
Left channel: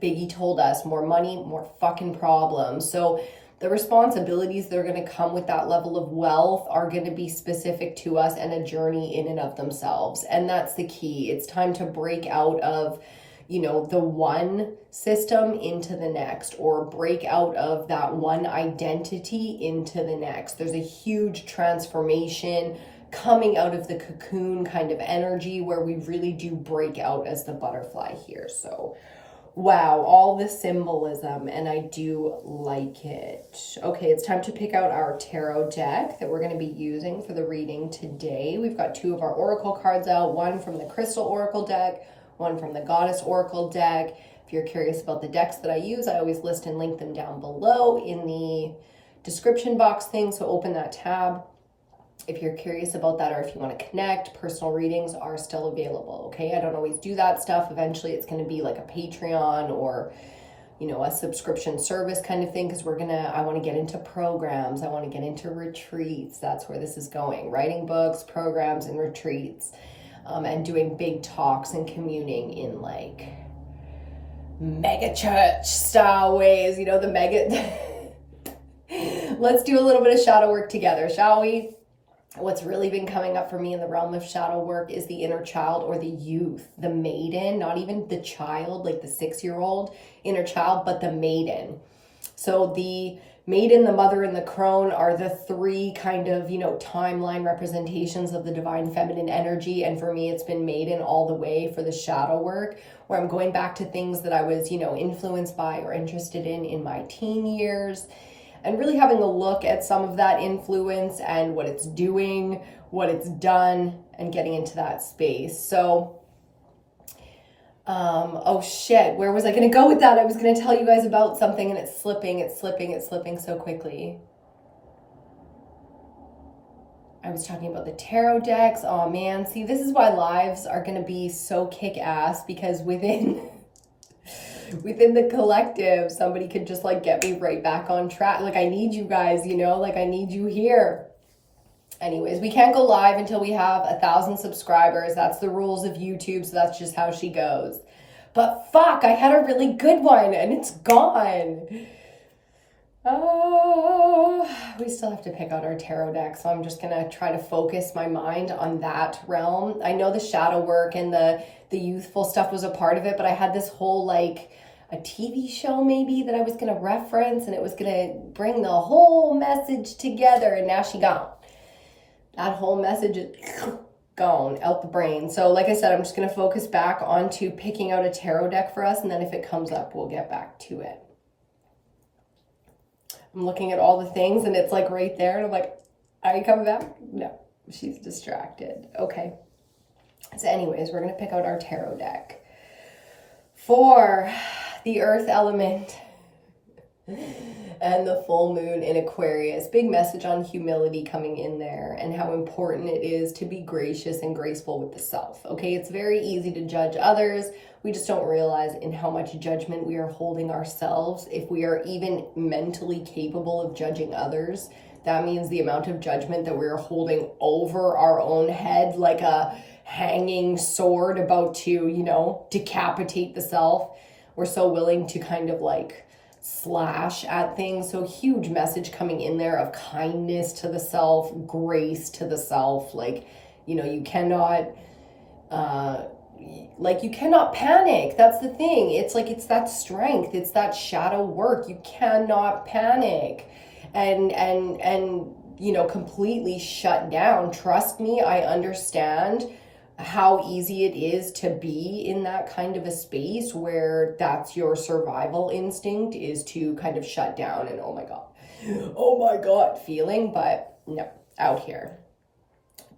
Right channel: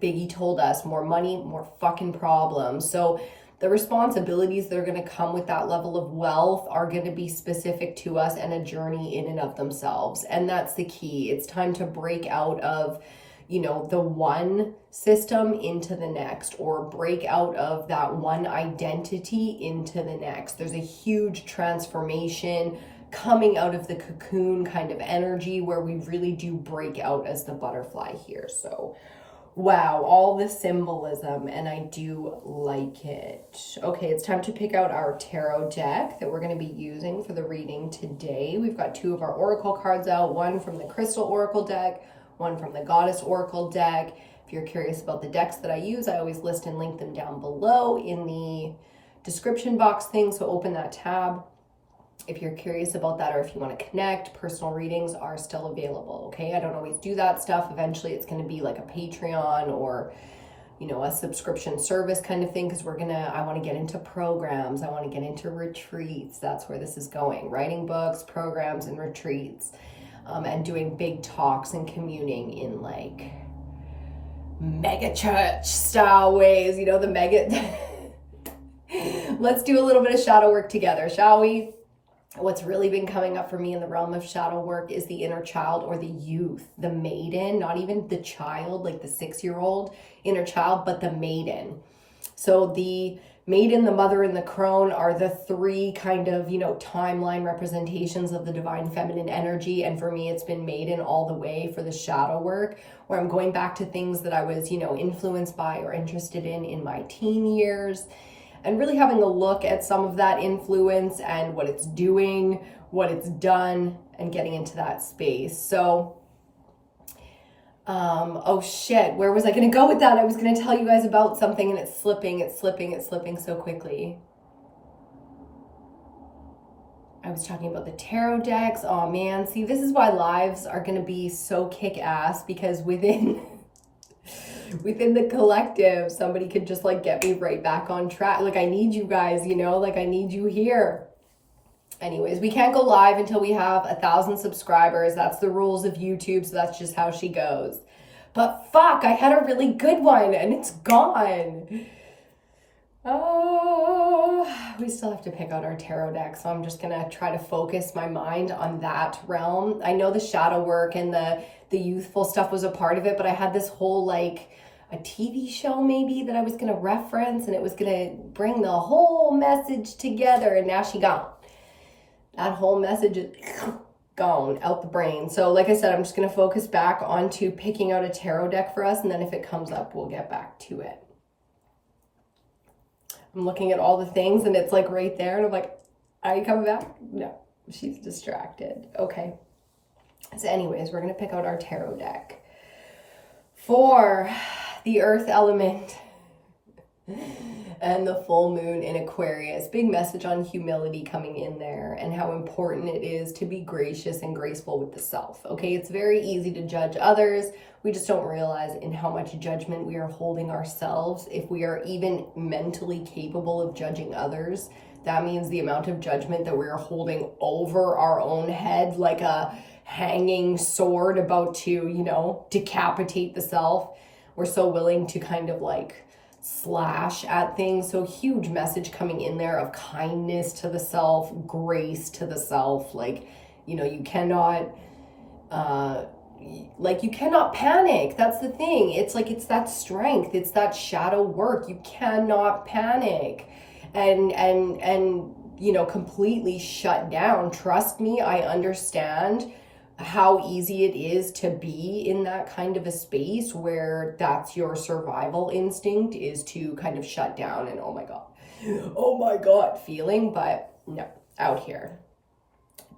Biggie told us, more money, more fucking problems. So the responsibilities that are going to come with that level of wealth are going to be specific to us and a journey in and of themselves. And that's the key. It's time to break out of, you know, the one system into the next, or break out of that one identity into the next. There's a huge transformation coming out of the cocoon kind of energy where we really do break out as the butterfly here. So wow, all the symbolism, and I do like it. Okay, it's time to pick out our tarot deck that we're going to be using for the reading today. We've got 2 of our oracle cards out, one from the Crystal Oracle deck, one from the Goddess Oracle deck. If you're curious about the decks that I use, I always list and link them down below in the description box thing, so open that tab if you're curious about that, or if you want to connect. Personal readings are still available, okay? I don't always do that stuff. Eventually it's going to be like a Patreon or, you know, a subscription service kind of thing, because I want to get into programs. I want to get into retreats. That's where this is going. Writing books, programs, and retreats, and doing big talks and communing in like mega church style ways, you know, the mega. Let's do a little bit of shadow work together, shall we? What's really been coming up for me in the realm of shadow work is the inner child, or the youth, the maiden, not even the child, like the 6-year-old inner child, but the maiden. So the maiden, the mother, and the crone are the 3 kind of, you know, timeline representations of the divine feminine energy. And for me, it's been maiden all the way for the shadow work, where I'm going back to things that I was, you know, influenced by or interested in my teen years, and really having a look at some of that influence and what it's doing, what it's done, and getting into that space. So, oh shit, where was I going to go with that? I was going to tell you guys about something, and it's slipping so quickly. I was talking about the tarot decks. Oh man, see, this is why lives are going to be so kick-ass, because within the collective, somebody could just like get me right back on track. Like, I need you guys, you know, like I need you here. Anyways, we can't go live until we have 1,000 subscribers. That's the rules of YouTube, so that's just how she goes. But fuck, I had a really good one and it's gone. Oh, we still have to pick out our tarot deck, so I'm just gonna try to focus my mind on that realm. I know the shadow work and the youthful stuff was a part of it, but I had this whole like a TV show maybe that I was gonna reference, and it was gonna bring the whole message together, and now she gone. That whole message is gone out the brain. So like I said, I'm just gonna focus back onto picking out a tarot deck for us, and then if it comes up, we'll get back to it. I'm looking at all the things and it's like right there, and I'm like, are you coming back? No, she's distracted. Okay. So anyways, we're going to pick out our tarot deck for the earth element and the full moon in Aquarius. Big message on humility coming in there, and how important it is to be gracious and graceful with the self. Okay, it's very easy to judge others. We just don't realize in how much judgment we are holding ourselves. If we are even mentally capable of judging others, that means the amount of judgment that we're holding over our own head, like a hanging sword about to, you know, decapitate the self. We're so willing to kind of like slash at things. So huge message coming in there of kindness to the self, grace to the self. Like, you know, you cannot you cannot panic. That's the thing. It's like, it's that strength. It's that shadow work. You cannot panic and you know, completely shut down. Trust me, I understand how easy it is to be in that kind of a space where that's your survival instinct, is to kind of shut down and oh my god feeling. But no, out here,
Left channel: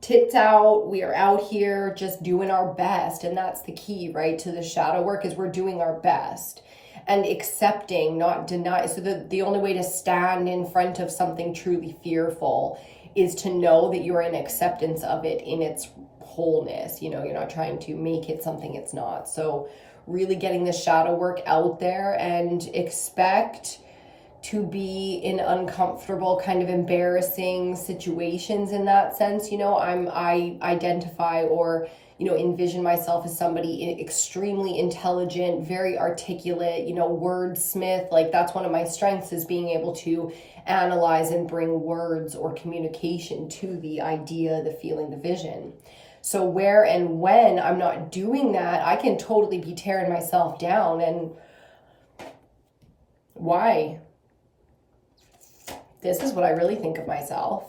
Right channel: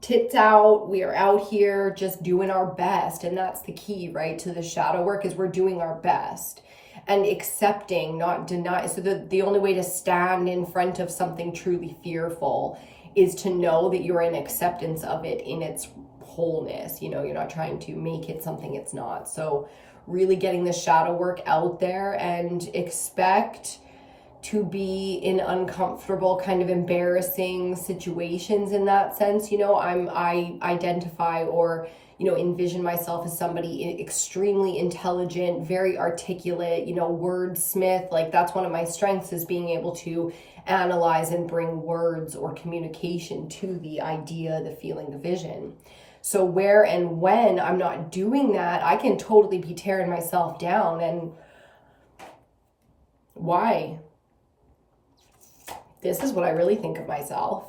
tits out, we are out here just doing our best. And that's the key, right, to the shadow work, is we're doing our best and accepting, not deny. So the only way to stand in front of something truly fearful is to know that you're in acceptance of it in its wholeness. You know, you're not trying to make it something it's not. So really getting the shadow work out there, and expect to be in uncomfortable, kind of embarrassing situations in that sense. You know, I identify or, you know, envision myself as somebody extremely intelligent, very articulate, you know, wordsmith. Like that's one of my strengths, is being able to analyze and bring words or communication to the idea, the feeling, the vision. So where and when I'm not doing that, I can totally be tearing myself down. And why? This is what I really think of myself.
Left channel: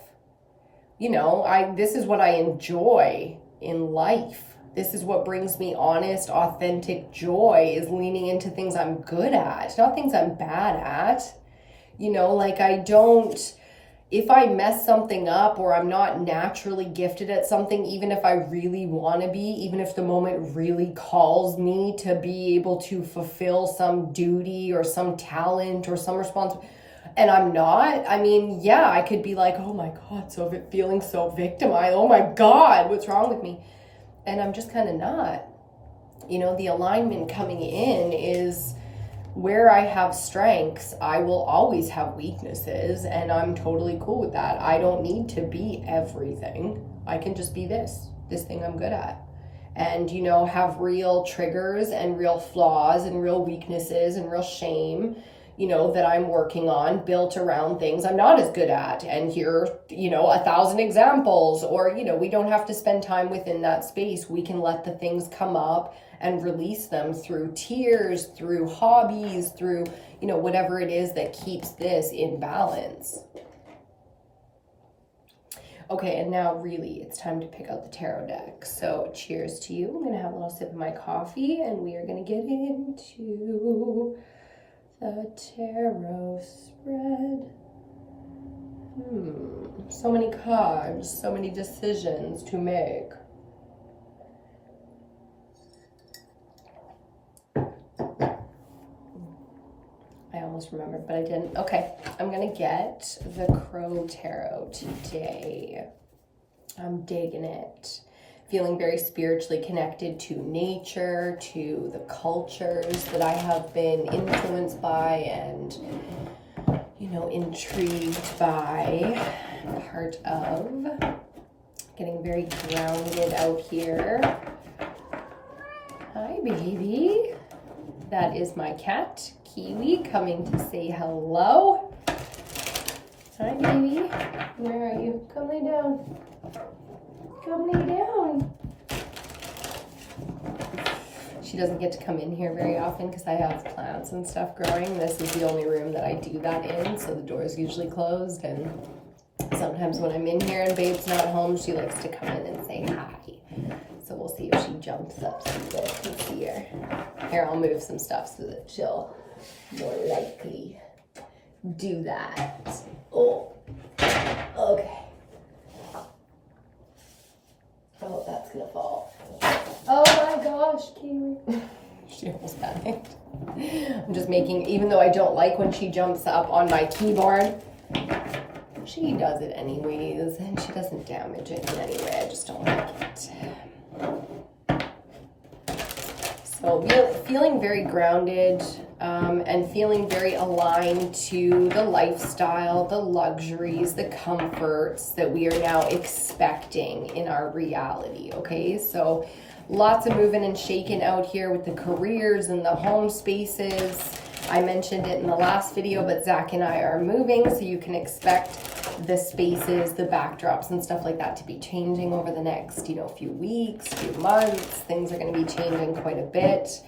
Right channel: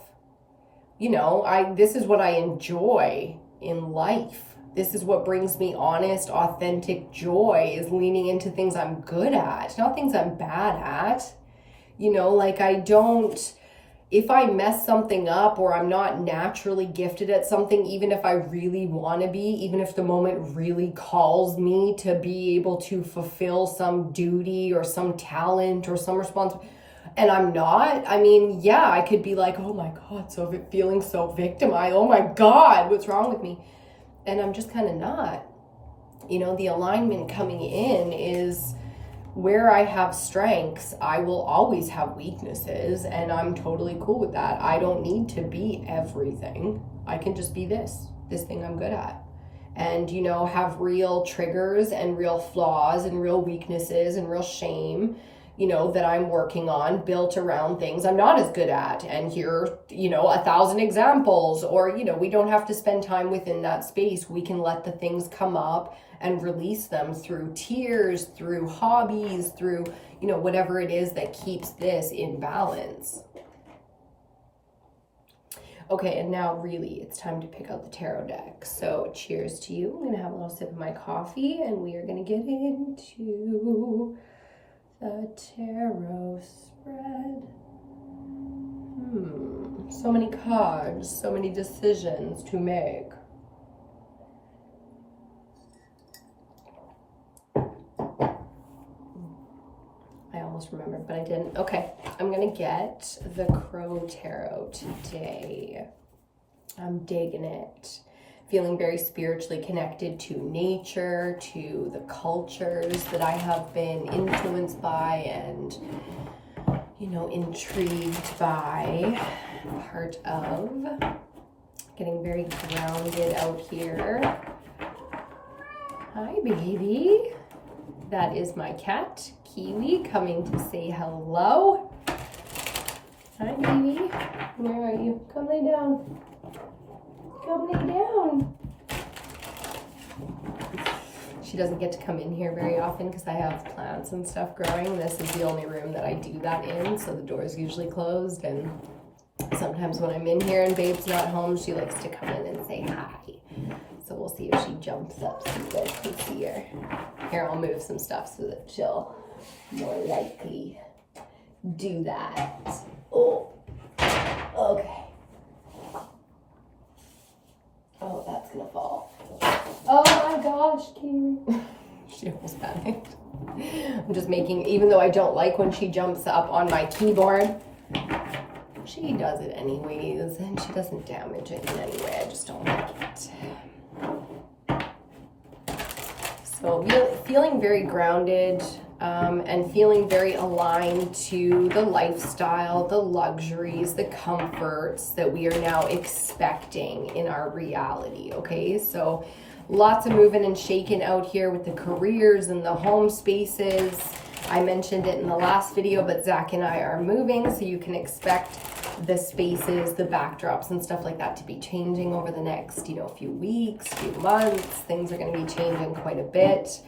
You know, this is what I enjoy in life. This is what brings me honest, authentic joy, is leaning into things I'm good at, not things I'm bad at. You know, like if I mess something up or I'm not naturally gifted at something, even if I really want to be, even if the moment really calls me to be able to fulfill some duty or some talent or some responsibility, and I'm not, I mean, yeah, I could be like, oh my God, feeling so victimized. Oh my God, what's wrong with me? And I'm just kind of not. You know, the alignment coming in is where I have strengths, I will always have weaknesses, and I'm totally cool with that. I don't need to be everything. I can just be this thing I'm good at. And, you know, have real triggers and real flaws and real weaknesses and real shame, you know, that I'm working on, built around things I'm not as good at. And here, you know, 1,000 examples, or, you know, we don't have to spend time within that space. We can let the things come up and release them through tears, through hobbies, through, you know, whatever it is that keeps this in balance. Okay, and now really it's time to pick out the tarot deck. So cheers to you. I'm gonna have a little sip of my coffee, and we are gonna get into the tarot spread. So many cards, so many decisions to make. I almost remembered, but I didn't. Okay, I'm gonna get the Crow Tarot today. I'm digging it. Feeling very spiritually connected to nature, to the cultures that I have been influenced by and, you know, intrigued by. Part of getting very grounded out here. Hi, baby. That is my cat, Kiwi, coming to say hello. Hi, baby. Where are you? Come lay down. Come lay down. She doesn't get to come in here very often because I have plants and stuff growing. This is the only room that I do that in, so the door is usually closed. And sometimes when I'm in here and Babe's not home, she likes to come in and say hi. So we'll see if she jumps up so you guys can see her. Here, I'll move some stuff so that she'll more likely do that. Oh, okay. Oh, that's gonna fall. Oh my gosh, Kiwi. She almost panicked. I'm just making, even though I don't like when she jumps up on my keyboard, she does it anyways, and she doesn't damage it in any way. I just don't like it. So feeling very grounded and feeling very aligned to the lifestyle, the luxuries, the comforts that we are now expecting in our reality, okay? So lots of moving and shaking out here with the careers and the home spaces. I mentioned it in the last video, but Zach and I are moving, so you can expect the spaces, the backdrops and stuff like that to be changing over the next, you know, few weeks, few months. Things are going to be changing quite a bit.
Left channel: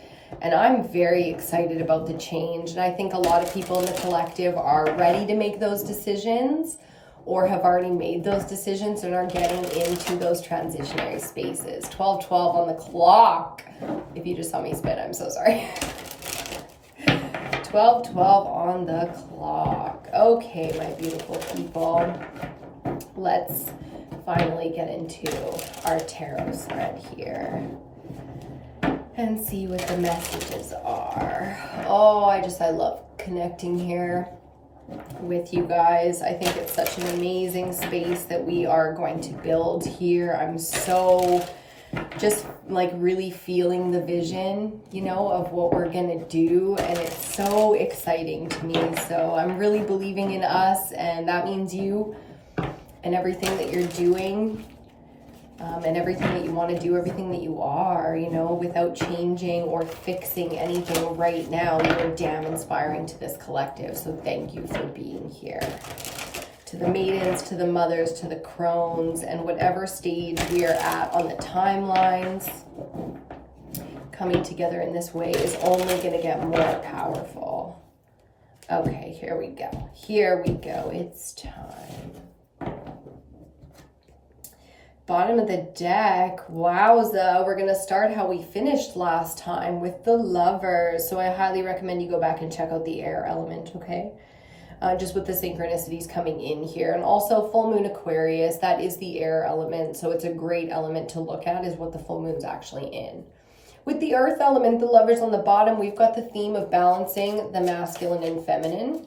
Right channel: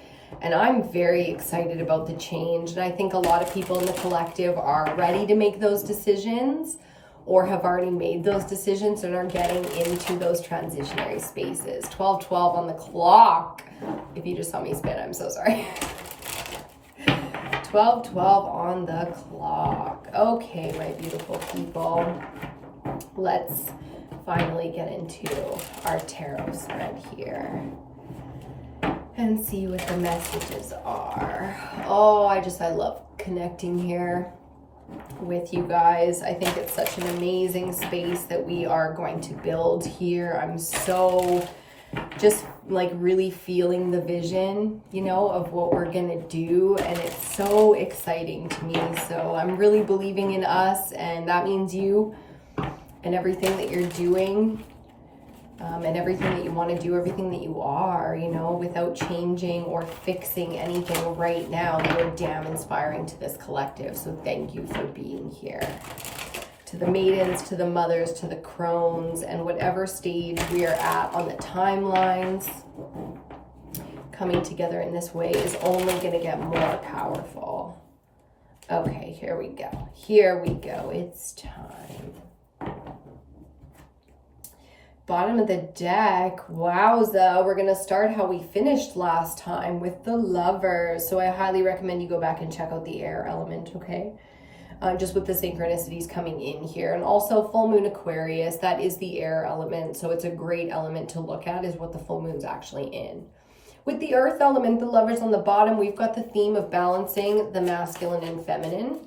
And I'm very excited about the change. And I think a lot of people in the collective are ready to make those decisions or have already made those decisions and are getting into those transitionary spaces. 12:12 on the clock. If you just saw me spit, I'm so sorry. 12:12 on the clock. Okay, my beautiful people. Let's finally get into our tarot spread here and see what the messages are. Oh, I love connecting here with you guys. I think it's such an amazing space that we are going to build here. I'm so just like really feeling the vision, you know, of what we're gonna do. And it's so exciting to me. So I'm really believing in us, and that means you and everything that you're doing. And everything that you want to do, everything that you are, you know, without changing or fixing anything right now. You're damn inspiring to this collective. So thank you for being here. To the maidens, to the mothers, to the crones, and whatever stage we are at on the timelines, coming together in this way is only going to get more powerful. Okay, here we go. Here we go. It's time. Bottom of the deck, wowza, we're going to start how we finished last time with the Lovers. So I highly recommend you go back and check out the air element, okay? Just with the synchronicities coming in here. And also full moon Aquarius, that is the air element. So it's a great element to look at, is what the full moon's actually in. With the earth element, the Lovers on the bottom, we've got the theme of balancing the masculine and feminine.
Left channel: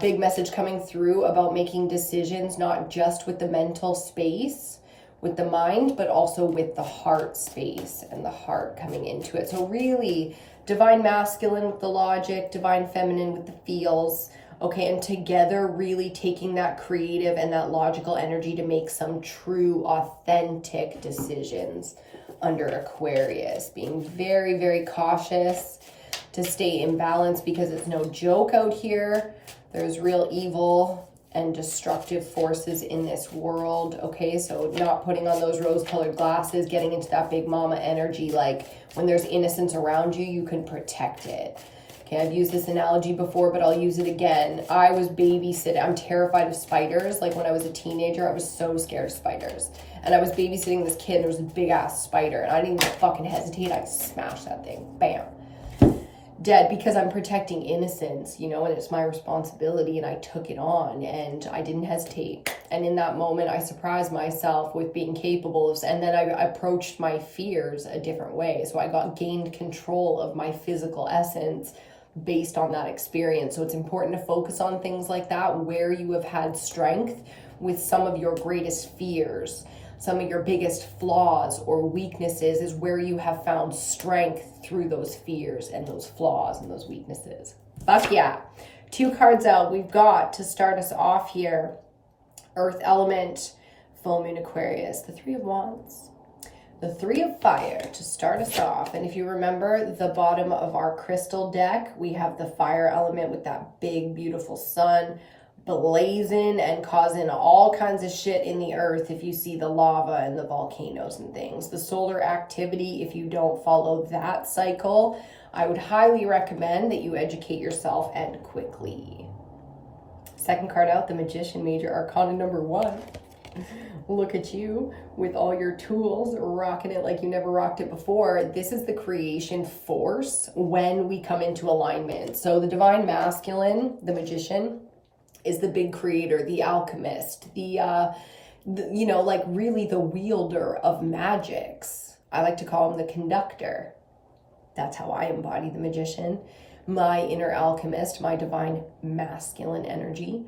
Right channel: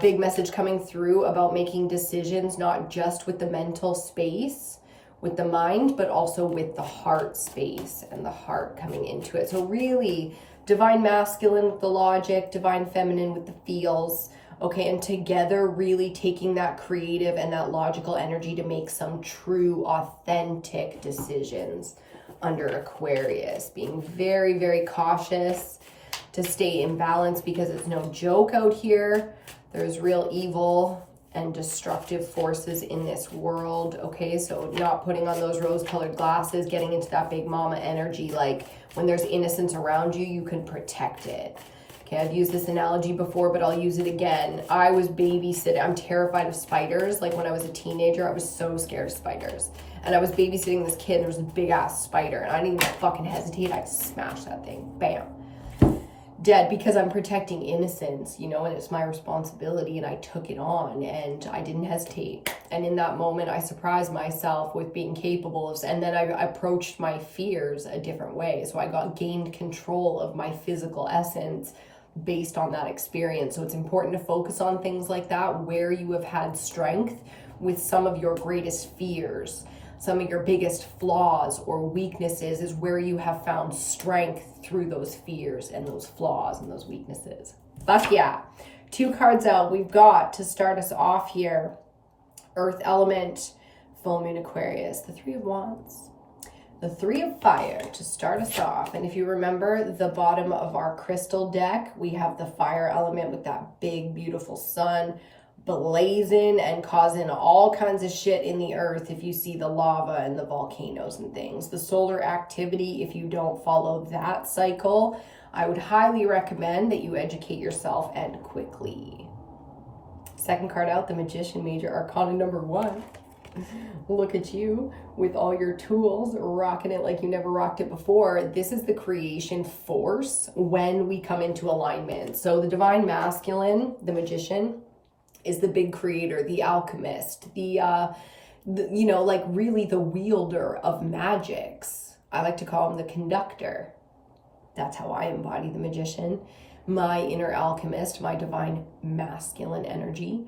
Big message coming through about making decisions, not just with the mental space, with the mind, but also with the heart space and the heart coming into it. So really divine masculine with the logic, divine feminine with the feels, okay? And together really taking that creative and that logical energy to make some true, authentic decisions under Aquarius. Being very, very cautious to stay in balance, because it's no joke out here. There's real evil and destructive forces in this world, okay? So not putting on those rose-colored glasses, getting into that big mama energy, like when there's innocence around you, you can protect it. Okay, I've used this analogy before, but I'll use it again. I was babysitting. I'm terrified of spiders. Like when I was a teenager, I was so scared of spiders. And I was babysitting this kid, and there was a big-ass spider, and I didn't even fucking hesitate. I smashed that thing. Bam. Dead, because I'm protecting innocence, you know, and it's my responsibility, and I took it on and I didn't hesitate. And in that moment, I surprised myself with being capable of, and then I approached my fears a different way. So I gained control of my physical essence based on that experience. So it's important to focus on things like that, where you have had strength with some of your greatest fears. Some of your biggest flaws or weaknesses is where you have found strength through those fears and those flaws and those weaknesses. Fuck yeah. 2 cards out. We've got, to start us off here, Earth element, full moon Aquarius, the 3 of Wands, the 3 of Fire to start us off. And if you remember the bottom of our crystal deck, we have the fire element with that big, beautiful sun blazing and causing all kinds of shit in the earth. If you see the lava and the volcanoes and things, the solar activity, if you don't follow that cycle, I would highly recommend that you educate yourself, and quickly. Second card out, the Magician, major arcana number 1. Look at you with all your tools, rocking it like you never rocked it before. This is the creation force when we come into alignment. So the divine masculine, the Magician, is the big creator, the alchemist, the you know, like really the wielder of magics. I like to call him the conductor. That's how I embody the Magician, my inner alchemist, my divine masculine energy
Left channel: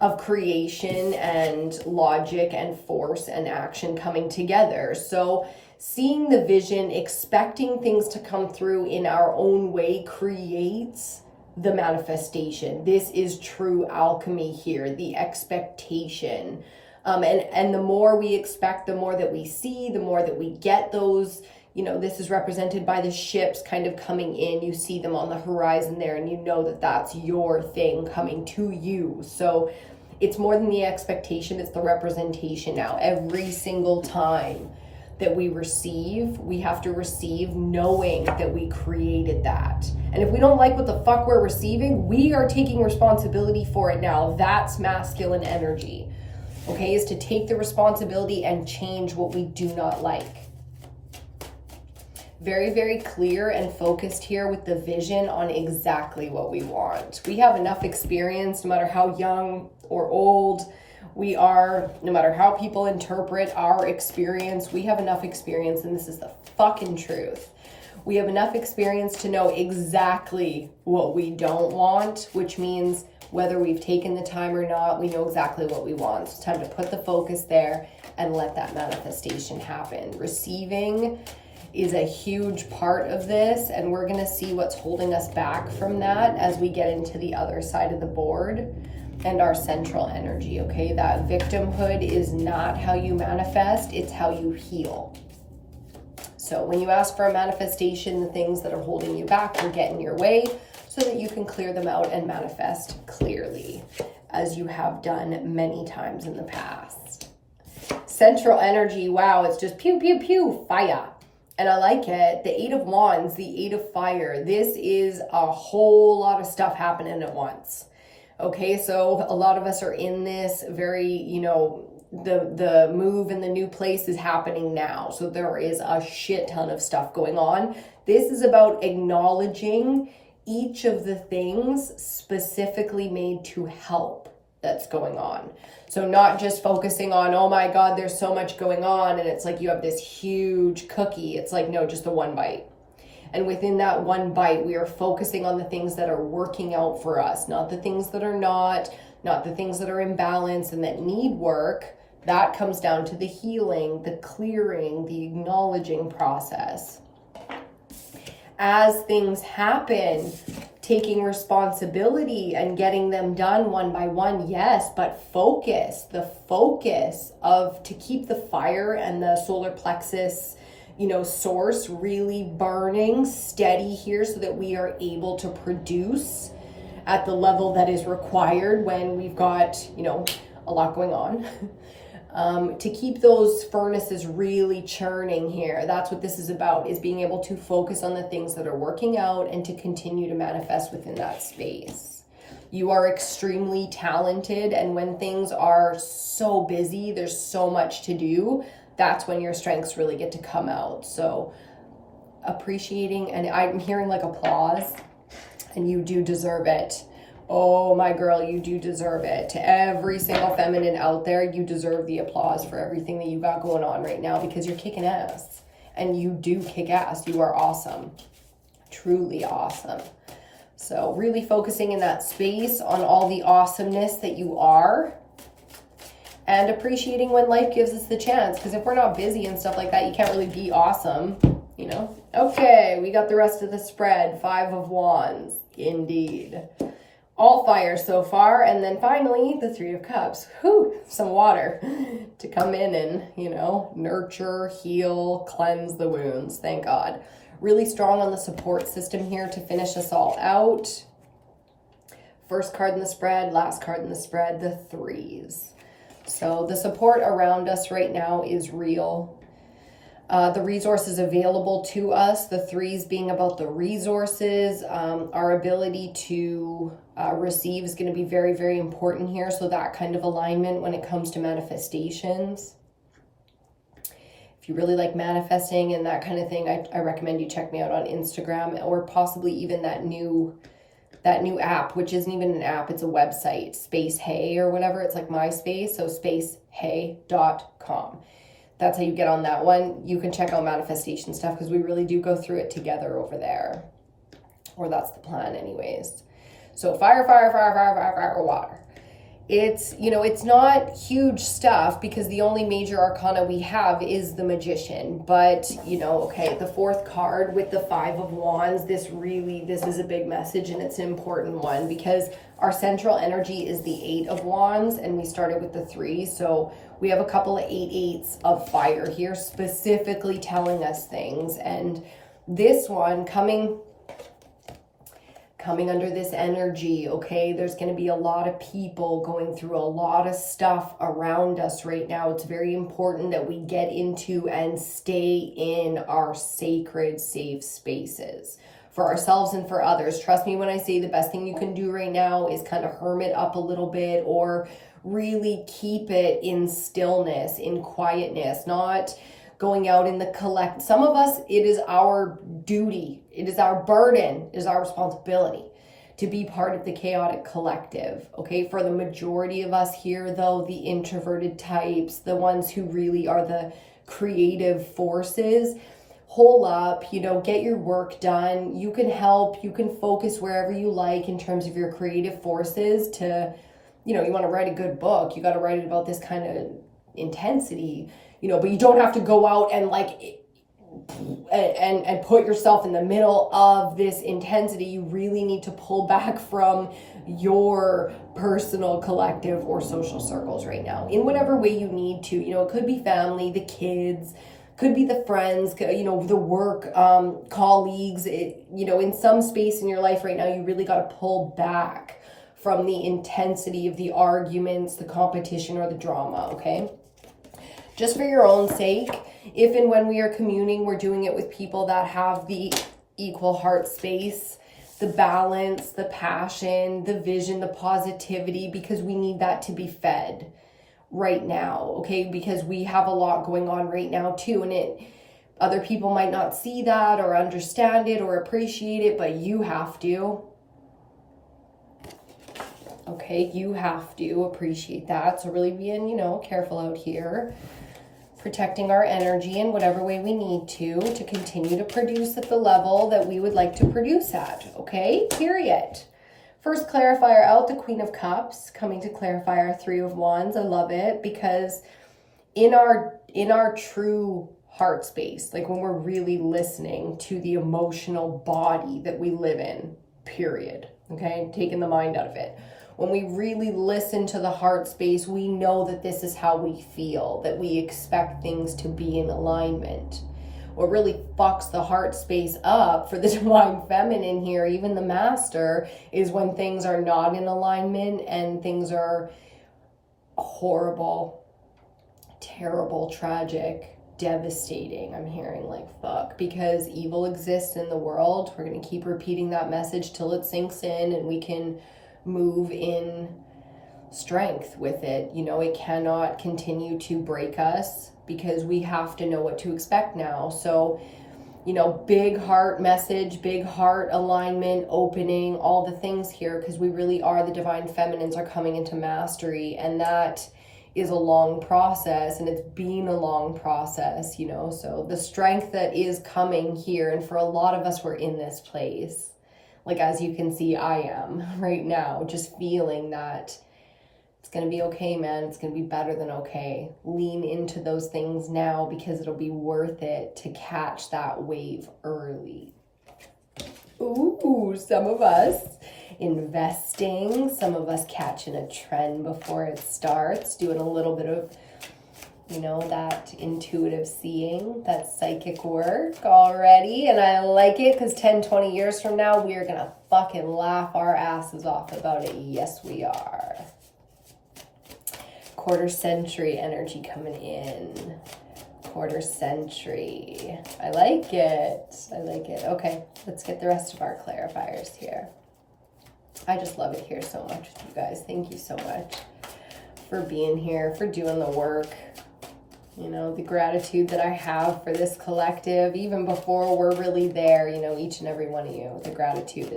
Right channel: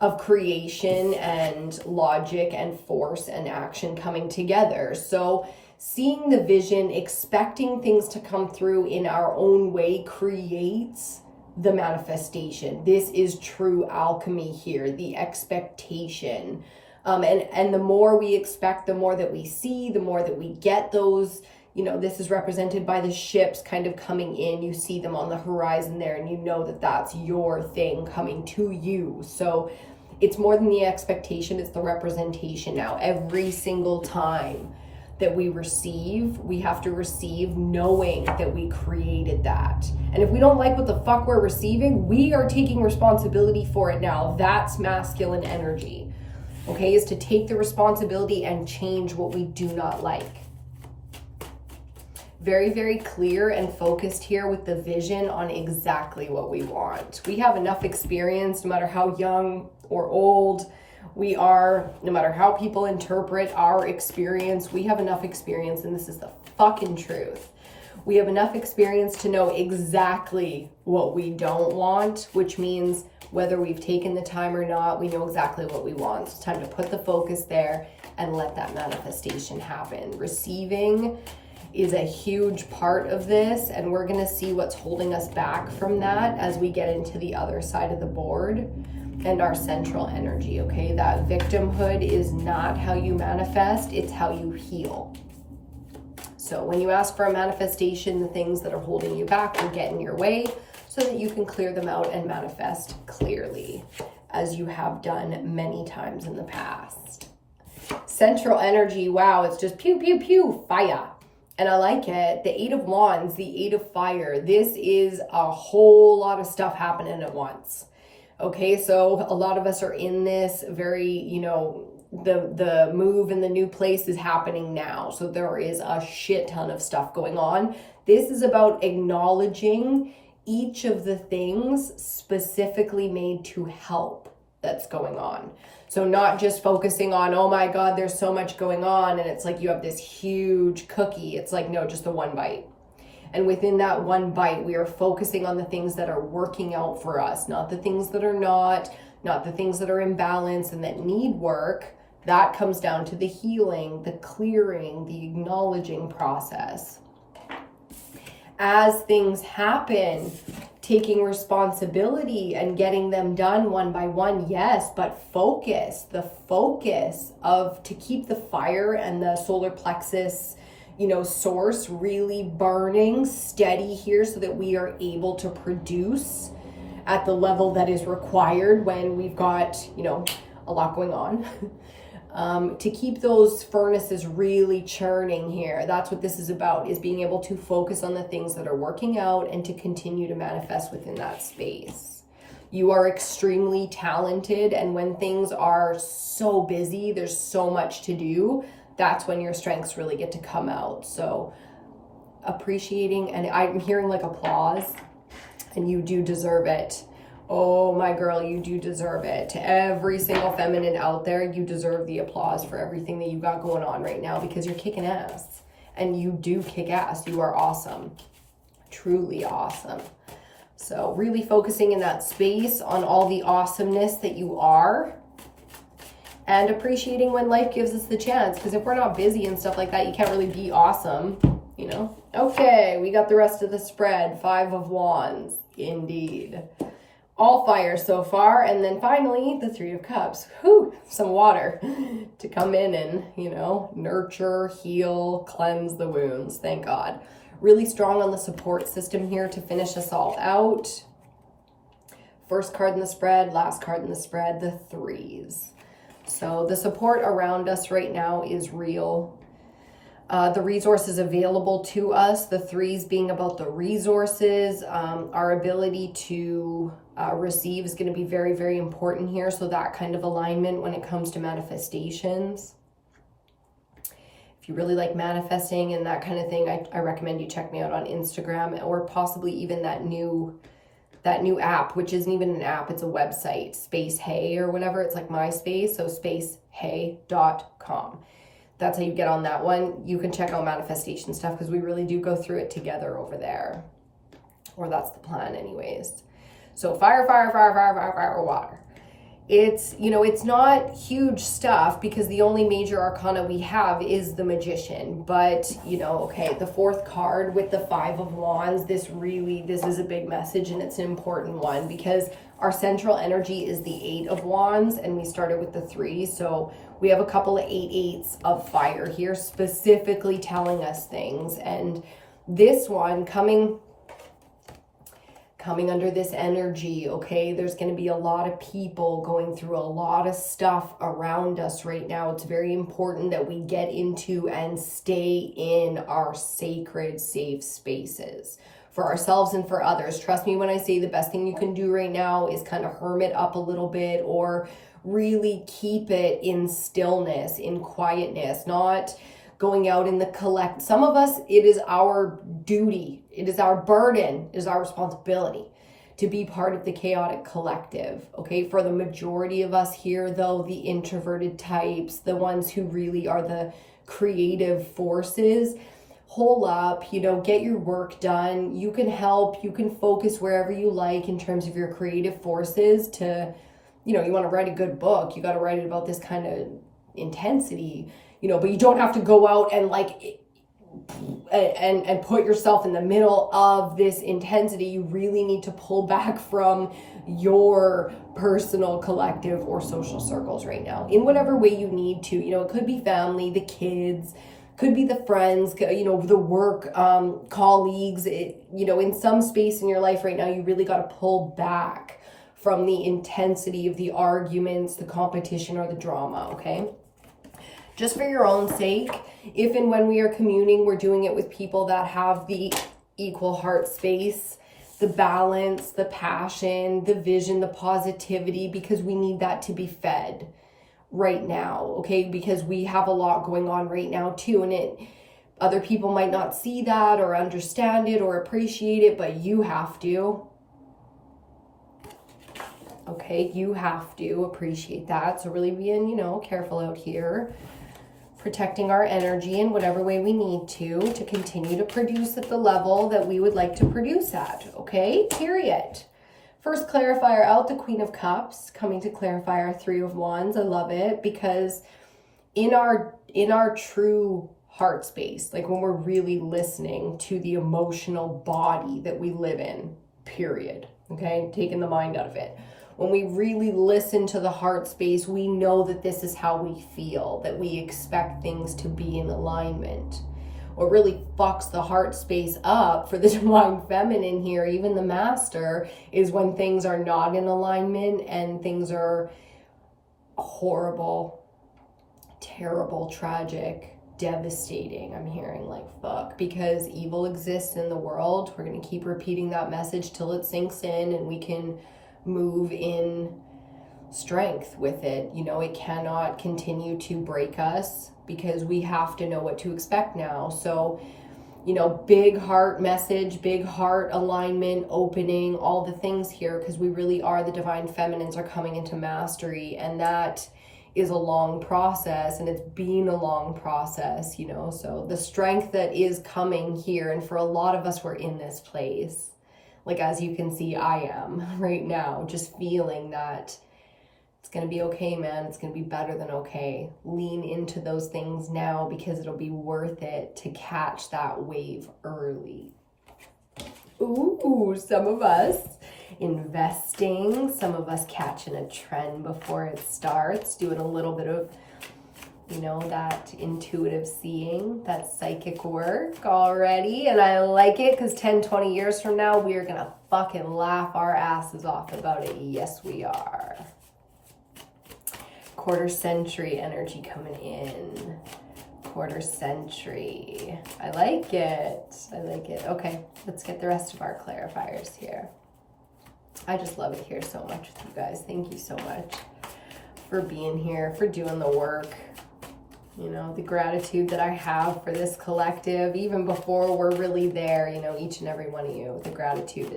of creation and logic and force and action coming together. So seeing the vision, expecting things to come through in our own way creates the manifestation. This is true alchemy here, the expectation. And the more we expect, the more that we see, the more that we get those, you know, this is represented by the ships kind of coming in. You see them on the horizon there, and you know that that's your thing coming to you. So it's more than the expectation, it's the representation now. Every single time that we receive, we have to receive knowing that we created that. And if we don't like what the fuck we're receiving, we are taking responsibility for it now. That's masculine energy, okay, is to take the responsibility and change what we do not like. Very, very clear and focused here with the vision on exactly what we want. We have enough experience, no matter how young or old we are, no matter how people interpret our experience, we have enough experience, and this is the fucking truth. We have enough experience to know exactly what we don't want, which means whether we've taken the time or not, we know exactly what we want. So it's time to put the focus there and let that manifestation happen. Receiving is a huge part of this, and we're going to see what's holding us back from that as we get into the other side of the board and our central energy, okay? That victimhood is not how you manifest, it's how you heal. So when you ask for a manifestation, the things that are holding you back will get in your way so that you can clear them out and manifest clearly, as you have done many times in the past. Central energy, wow, it's just pew, pew, pew, fire. And I like it. The 8 of Wands, the 8 of Fire. This is a whole lot of stuff happening at once. Okay, so a lot of us are in this very, you know, the move in the new place is happening now. So there is a shit ton of stuff going on. This is about acknowledging each of the things specifically made to help that's going on. So not just focusing on, oh my God, there's so much going on, and it's like you have this huge cookie. It's like, no, just the one bite. And within that one bite, we are focusing on the things that are working out for us, not the things that are not the things that are imbalanced and that need work. That comes down to the healing, the clearing, the acknowledging process. As things happen, taking responsibility and getting them done one by one, yes, but the focus of to keep the fire and the solar plexus, you know, source really burning steady here so that we are able to produce at the level that is required when we've got, you know, a lot going on. To keep those furnaces really churning here. That's what this is about, is being able to focus on the things that are working out and to continue to manifest within that space. You are extremely talented, and when things are so busy, there's so much to do, that's when your strengths really get to come out. So appreciating, and I'm hearing like applause, and you do deserve it. Oh, my girl, you do deserve it. To every single feminine out there, you deserve the applause for everything that you got going on right now, because you're kicking ass. And you do kick ass. You are awesome. Truly awesome. So really focusing in that space on all the awesomeness that you are, and appreciating when life gives us the chance. Because if we're not busy and stuff like that, you can't really be awesome, you know? Okay, we got the rest of the spread. 5 of Wands. Indeed. All fire so far. And then finally, the 3 of Cups. Whew, some water to come in and, you know, nurture, heal, cleanse the wounds. Thank God. Really strong on the support system here to finish us all out. First card in the spread, last card in the spread, the 3s. So the support around us right now is real. The resources available to us, the 3s being about the resources, our ability to receive is going to be very, very important here. So that kind of alignment when it comes to manifestations. If you really like manifesting and that kind of thing, I recommend you check me out on Instagram, or possibly even that new app, which isn't even an app, it's a website, Space Hey or whatever. It's like MySpace, so spacehey.com. That's how you get on that one. You can check out manifestation stuff because we really do go through it together over there. Or that's the plan anyways. So fire, fire, fire, fire, fire, fire, water. It's, you know, it's not huge stuff because the only major arcana we have is the Magician. But, you know, okay, the 4th card with the 5 of Wands, this is a big message, and it's an important one because our central energy is the 8 of Wands and we started with the 3. So we have a couple of 8/8s of fire here specifically telling us things. And this one coming under this energy, okay, there's going to be a lot of people going through a lot of stuff around us right now. It's very important that we get into and stay in our sacred, safe spaces for ourselves and for others. Trust me when I say the best thing you can do right now is kind of hermit up a little bit, or really keep it in stillness, in quietness, not going out in the collect. Some of us, it is our duty, it is our burden, it is our responsibility to be part of the chaotic collective, okay? For the majority of us here, though, the introverted types, the ones who really are the creative forces, hole up, you know, get your work done. You can help, you can focus wherever you like in terms of your creative forces to, you know, you want to write a good book, you got to write it about this kind of intensity, you know, but you don't have to go out and like and put yourself in the middle of this intensity. You really need to pull back from your personal, collective, or social circles right now in whatever way you need to. You know, it could be family, the kids, could be the friends, you know, the work colleagues. You know, in some space in your life right now, you really got to pull back from the intensity of the arguments, the competition, or the drama, okay? Just for your own sake, if and when we are communing, we're doing it with people that have the equal heart space, the balance, the passion, the vision, the positivity, because we need that to be fed right now, okay? Because we have a lot going on right now too, and other people might not see that or understand it or appreciate it, but you have to. Okay, you have to appreciate that. So really being, you know, careful out here, protecting our energy in whatever way we need to continue to produce at the level that we would like to produce at, okay? Period. First clarifier out, the Queen of Cups, coming to clarify our Three of Wands. I love it because in our true heart space, like when we're really listening to the emotional body that we live in, period, okay? Taking the mind out of it. When we really listen to the heart space, we know that this is how we feel, that we expect things to be in alignment. What really fucks the heart space up for the divine feminine here, even the master, is when things are not in alignment and things are horrible, terrible, tragic, devastating. I'm hearing like fuck, because evil exists in the world. We're going to keep repeating that message till it sinks in and we can move in strength with it. You know, it cannot continue to break us because we have to know what to expect now. So, you know, big heart message, big heart alignment, opening, all the things here, because we really are, the divine feminines are coming into mastery, and that is a long process, and it's been a long process, you know. So the strength that is coming here, and for a lot of us, we're in this place. Like, as you can see, I am right now, just feeling that it's going to be okay, man. It's going to be better than okay. Lean into those things now because it'll be worth it to catch that wave early. Ooh, some of us investing, some of us catching a trend before it starts, doing a little bit of, you know, that intuitive seeing, that psychic work already. And I like it because 10, 20 years from now, we are going to fucking laugh our asses off about it. Yes, we are. Quarter century energy coming in. Quarter century. I like it. I like it. Okay, let's get the rest of our clarifiers here. I just love it here so much with you guys. Thank you so much for being here, for doing the work. You know, the gratitude that I have for this collective, even before we're really there, you know, each and every one of you, the gratitude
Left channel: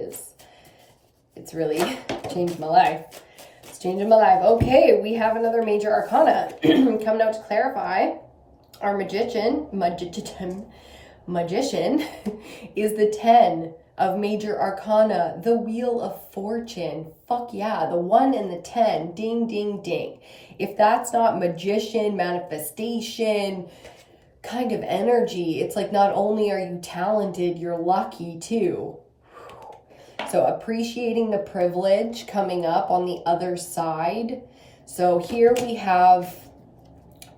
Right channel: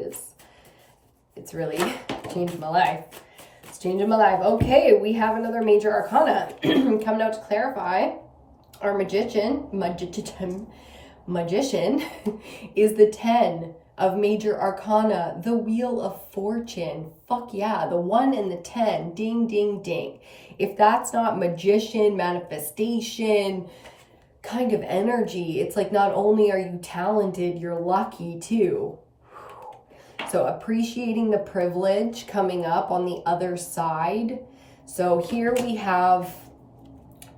it's really changed my life. It's changing my life. Okay, we have another major arcana coming out to clarify. Our magician is the 10 of major arcana, the Wheel of Fortune. Fuck yeah, the 1 and the 10, ding, ding, ding. If that's not magician, manifestation kind of energy, it's like not only are you talented, you're lucky too. So appreciating the privilege coming up on the other side. So here we have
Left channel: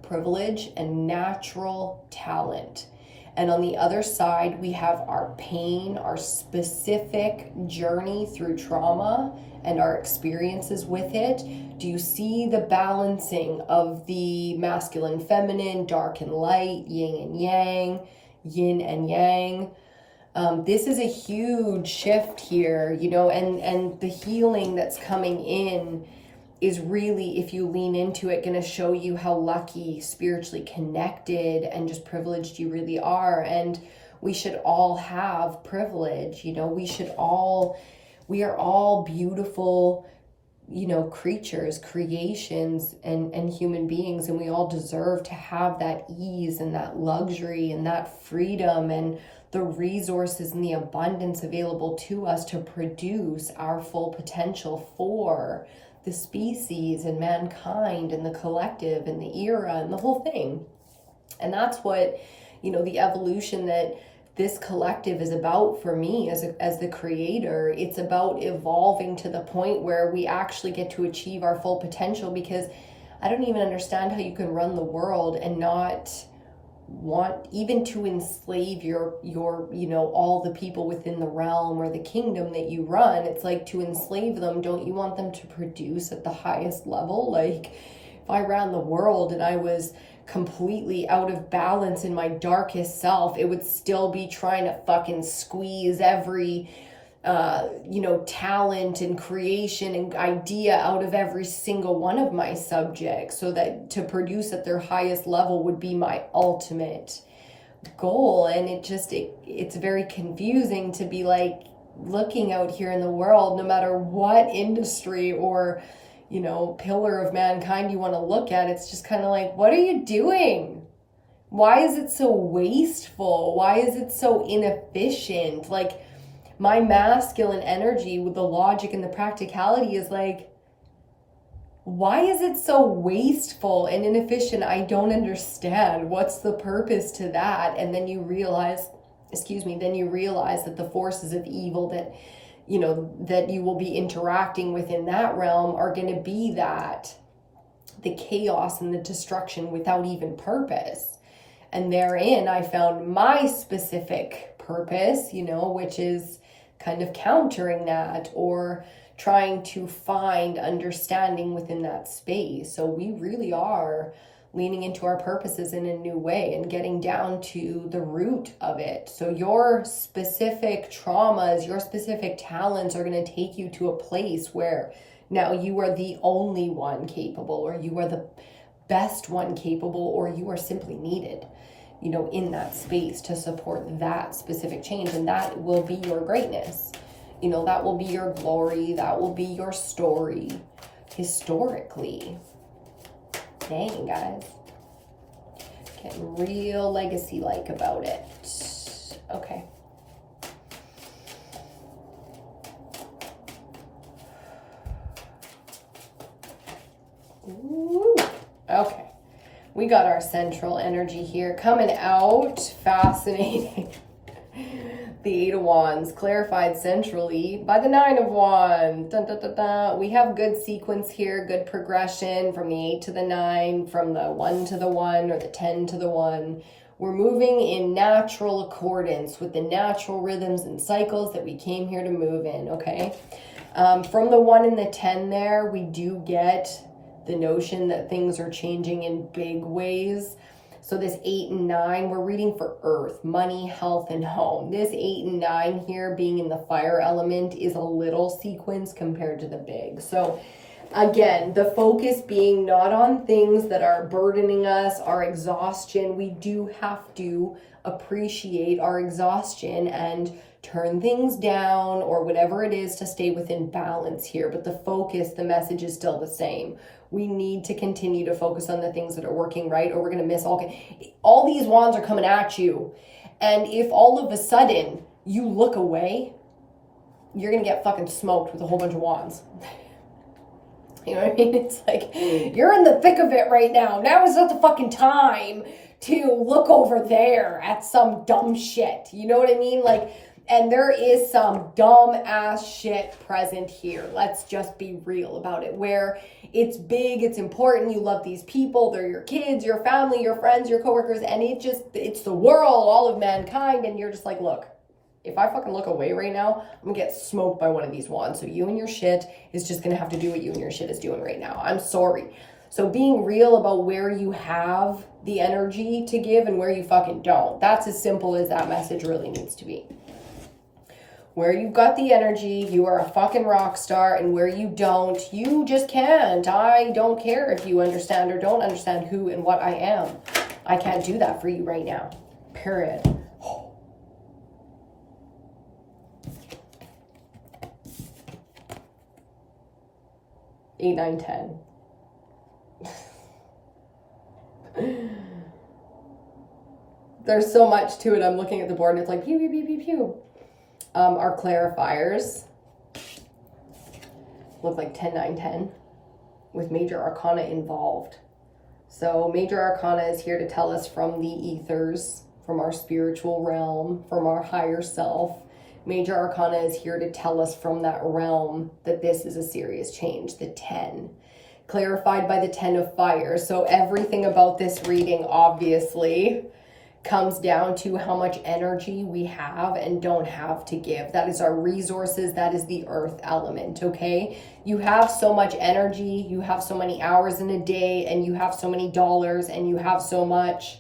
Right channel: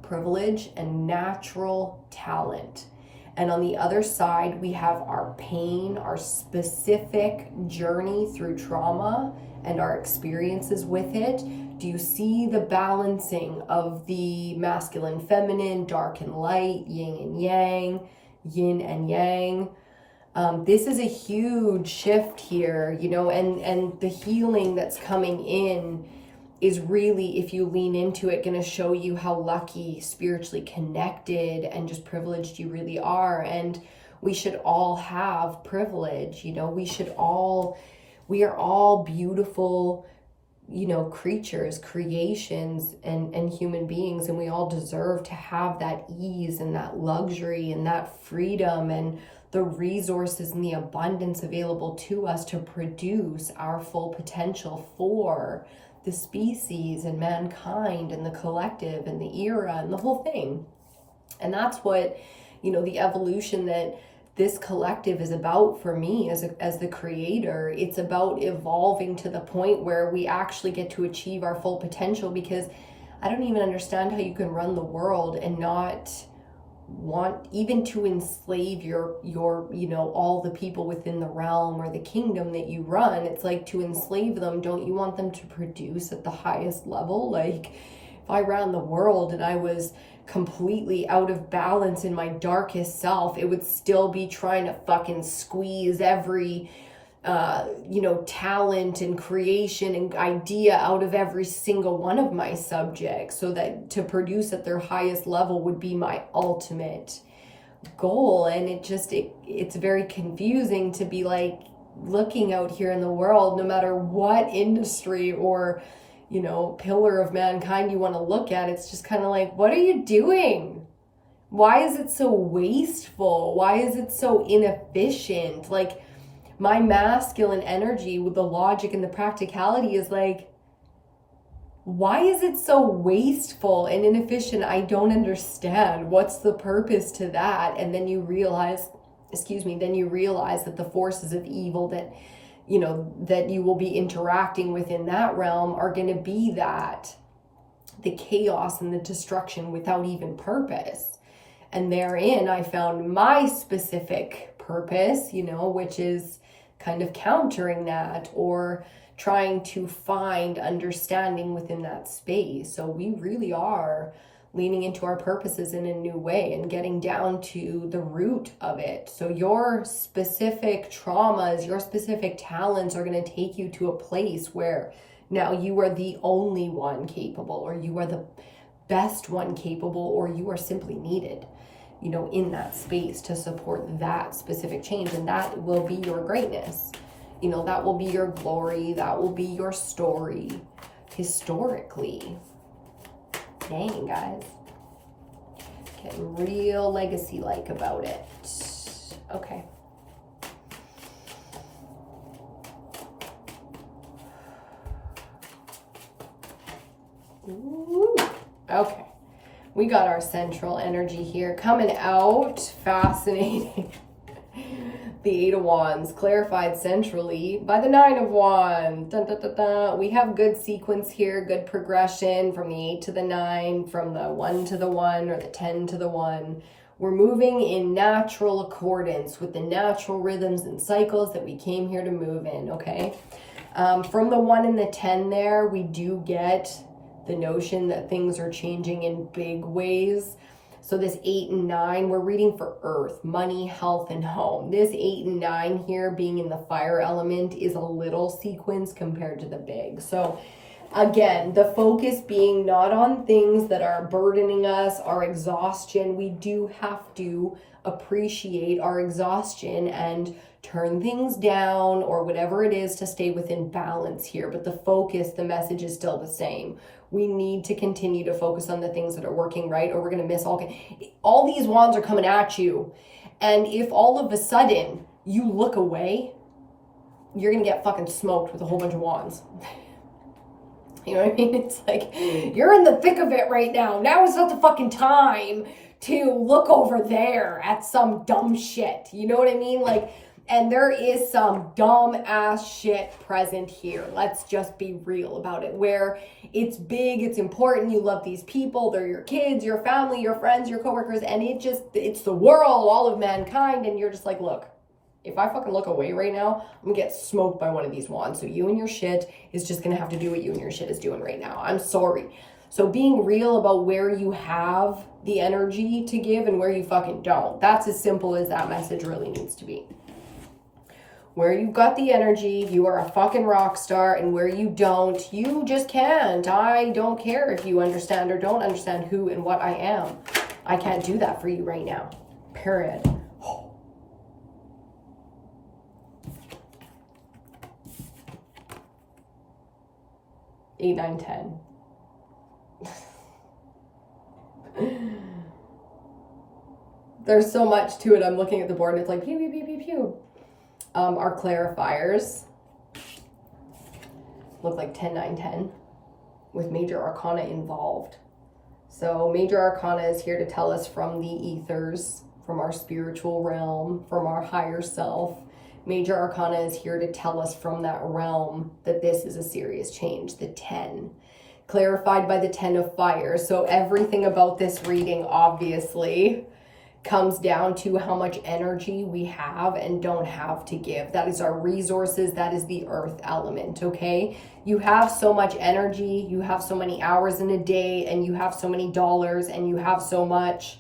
privilege and natural talent. And on the other side, we have our pain, our specific journey through trauma and our experiences with it. Do you see the balancing of the masculine, feminine, dark and light, yin and yang, yin and yang? This is a huge shift here, you know, and the healing that's coming in is really, if you lean into it, going to show you how lucky, spiritually connected, and just privileged you really are. And we should all have privilege, you know, we are all beautiful, you know, creatures, creations, and human beings, and we all deserve to have that ease and that luxury and that freedom and the resources and the abundance available to us to produce our full potential for the species and mankind and the collective and the era and the whole thing. And that's what, you know, the evolution that this collective is about for me as the creator. It's about evolving to the point where we actually get to achieve our full potential, because I don't even understand how you can run the world and not want even to enslave your you know, all the people within the realm or the kingdom that you run. It's like, to enslave them, don't you want them to produce at the highest level? Like, if I ran the world and I was completely out of balance in my darkest self, it would still be trying to fucking squeeze every you know, talent and creation and idea out of every single one of my subjects, so that to produce at their highest level would be my ultimate goal. And it's very confusing to be like looking out here in the world, no matter what industry or, you know, pillar of mankind you want to look at. It's just kind of like, what are you doing? Why is it so wasteful? Why is it so inefficient? Like, my masculine energy with the logic and the practicality is like, why is it so wasteful and inefficient? I don't understand. What's the purpose to that? And then you realize, that the forces of evil that, you know, that you will be interacting with in that realm are going to be that, the chaos and the destruction without even purpose. And therein I found my specific purpose, you know, which is kind of countering that or trying to find understanding within that space. So we really are leaning into our purposes in a new way and getting down to the root of it. So your specific traumas, your specific talents are going to take you to a place where now you are the only one capable, or you are the best one capable, or you are simply needed, you know, in that space to support that specific change. And that will be your greatness. You know, that will be your glory. That will be your story historically. Dang, guys. Getting real legacy-like about it. Okay. Ooh. Okay. We got our central energy here coming out. Fascinating. The Eight of Wands clarified centrally by the Nine of Wands. Dun, dun, dun, dun. We have good sequence here, good progression from the 8 to the 9, from the 1 to the 1, or the 10 to the 1. We're moving in natural accordance with the natural rhythms and cycles that we came here to move in, okay? From the 1 and the 10 there, we do get the notion that things are changing in big ways. So this 8 and 9, we're reading for earth, money, health, and home. This 8 and 9 here being in the fire element is a little sequence compared to the big. So again, the focus being not on things that are burdening us, our exhaustion. We do have to appreciate our exhaustion and turn things down or whatever it is to stay within balance here. But the focus, the message is still the same. We need to continue to focus on the things that are working right, or we're going to miss all these wands are coming at you. And if all of a sudden you look away, you're going to get fucking smoked with a whole bunch of wands. You know what I mean? It's like, you're in the thick of it right now. Now is not the fucking time to look over there at some dumb shit. You know what I mean? Like, and there is some dumb ass shit present here. Let's just be real about it. Where it's big, it's important, you love these people, they're your kids, your family, your friends, your coworkers, and it's the world, all of mankind, and you're just like, look, if I fucking look away right now, I'm gonna get smoked by one of these wands. So you and your shit is just gonna have to do what you and your shit is doing right now. I'm sorry. So being real about where you have the energy to give and where you fucking don't. That's as simple as that message really needs to be. Where you've got the energy, you are a fucking rock star, and where you don't, you just can't. I don't care if you understand or don't understand who and what I am. I can't do that for you right now. Period. 8, 9, 10. There's so much to it. I'm looking at the board and it's like pew, pew, pew, pew, pew. Our clarifiers look like 10, 9, 10. with Major Arcana involved. So Major Arcana is here to tell us from the ethers, from our spiritual realm, from our higher self. Major Arcana is here to tell us from that realm that this is a serious change. The 10, clarified by the 10 of fire. So everything about this reading obviously comes down to how much energy we have and don't have to give. That is our resources. That is the earth element, okay? You have so much energy, you have so many hours in a day, and you have so many dollars, and you have so much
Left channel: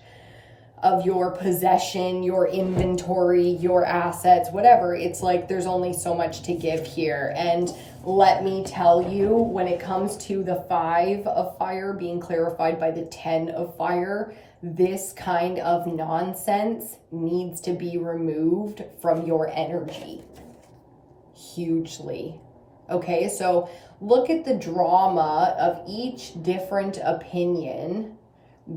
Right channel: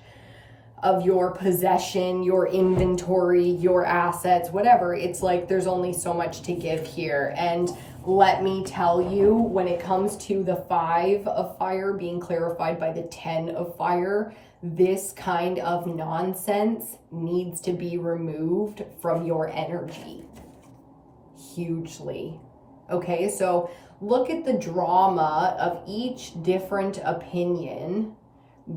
of your possession, your inventory, your assets, whatever. It's like there's only so much to give here. And let me tell you, when it comes to the 5 of fire being clarified by the 10 of fire, this kind of nonsense needs to be removed from your energy hugely. Okay, so look at the drama of each different opinion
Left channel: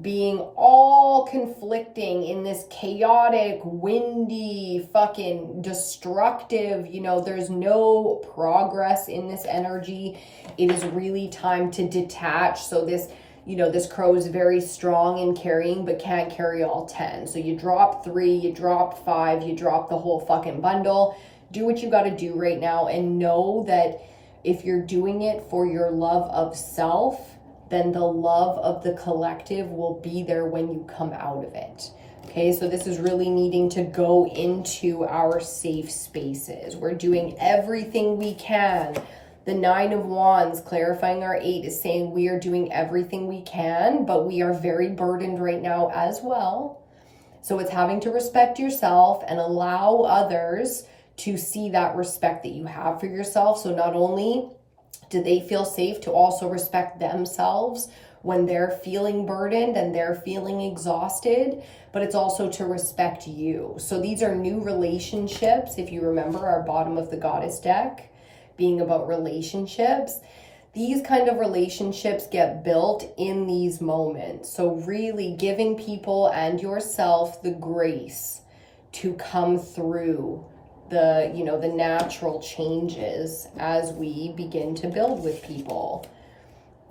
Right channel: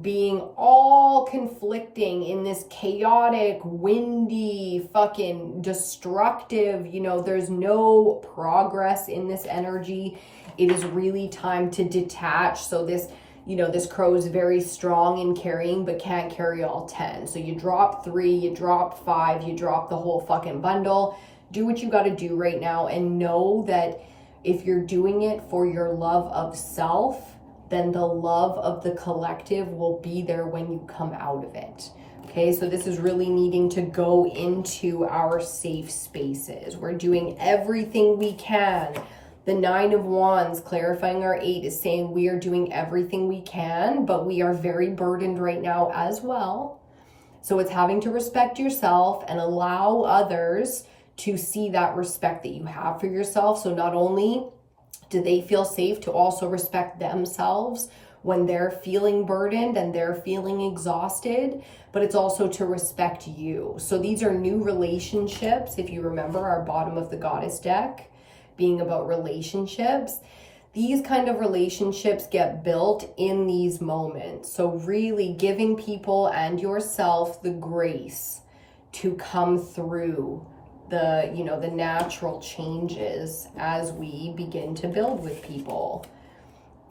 being all conflicting in this chaotic, windy, fucking destructive, there's no progress in this energy. It is really time to detach. So this, this crow is very strong in carrying, but can't carry all 10. So you drop 3, you drop 5, you drop the whole fucking bundle. Do what you got to do right now, and know that if you're doing it for your love of self, then the love of the collective will be there when you come out of it. Okay, so this is really needing to go into our safe spaces. We're doing everything we can. The 9 of Wands, clarifying our 8, is saying we are doing everything we can, but we are very burdened right now as well. So it's having to respect yourself and allow others to see that respect that you have for yourself. So not only do they feel safe to also respect themselves when they're feeling burdened and they're feeling exhausted, but it's also to respect you. So these are new relationships. If you remember our bottom of the goddess deck being about relationships, these kind of relationships get built in these moments. So really giving people and yourself the grace to come through the natural changes as we begin to build with people.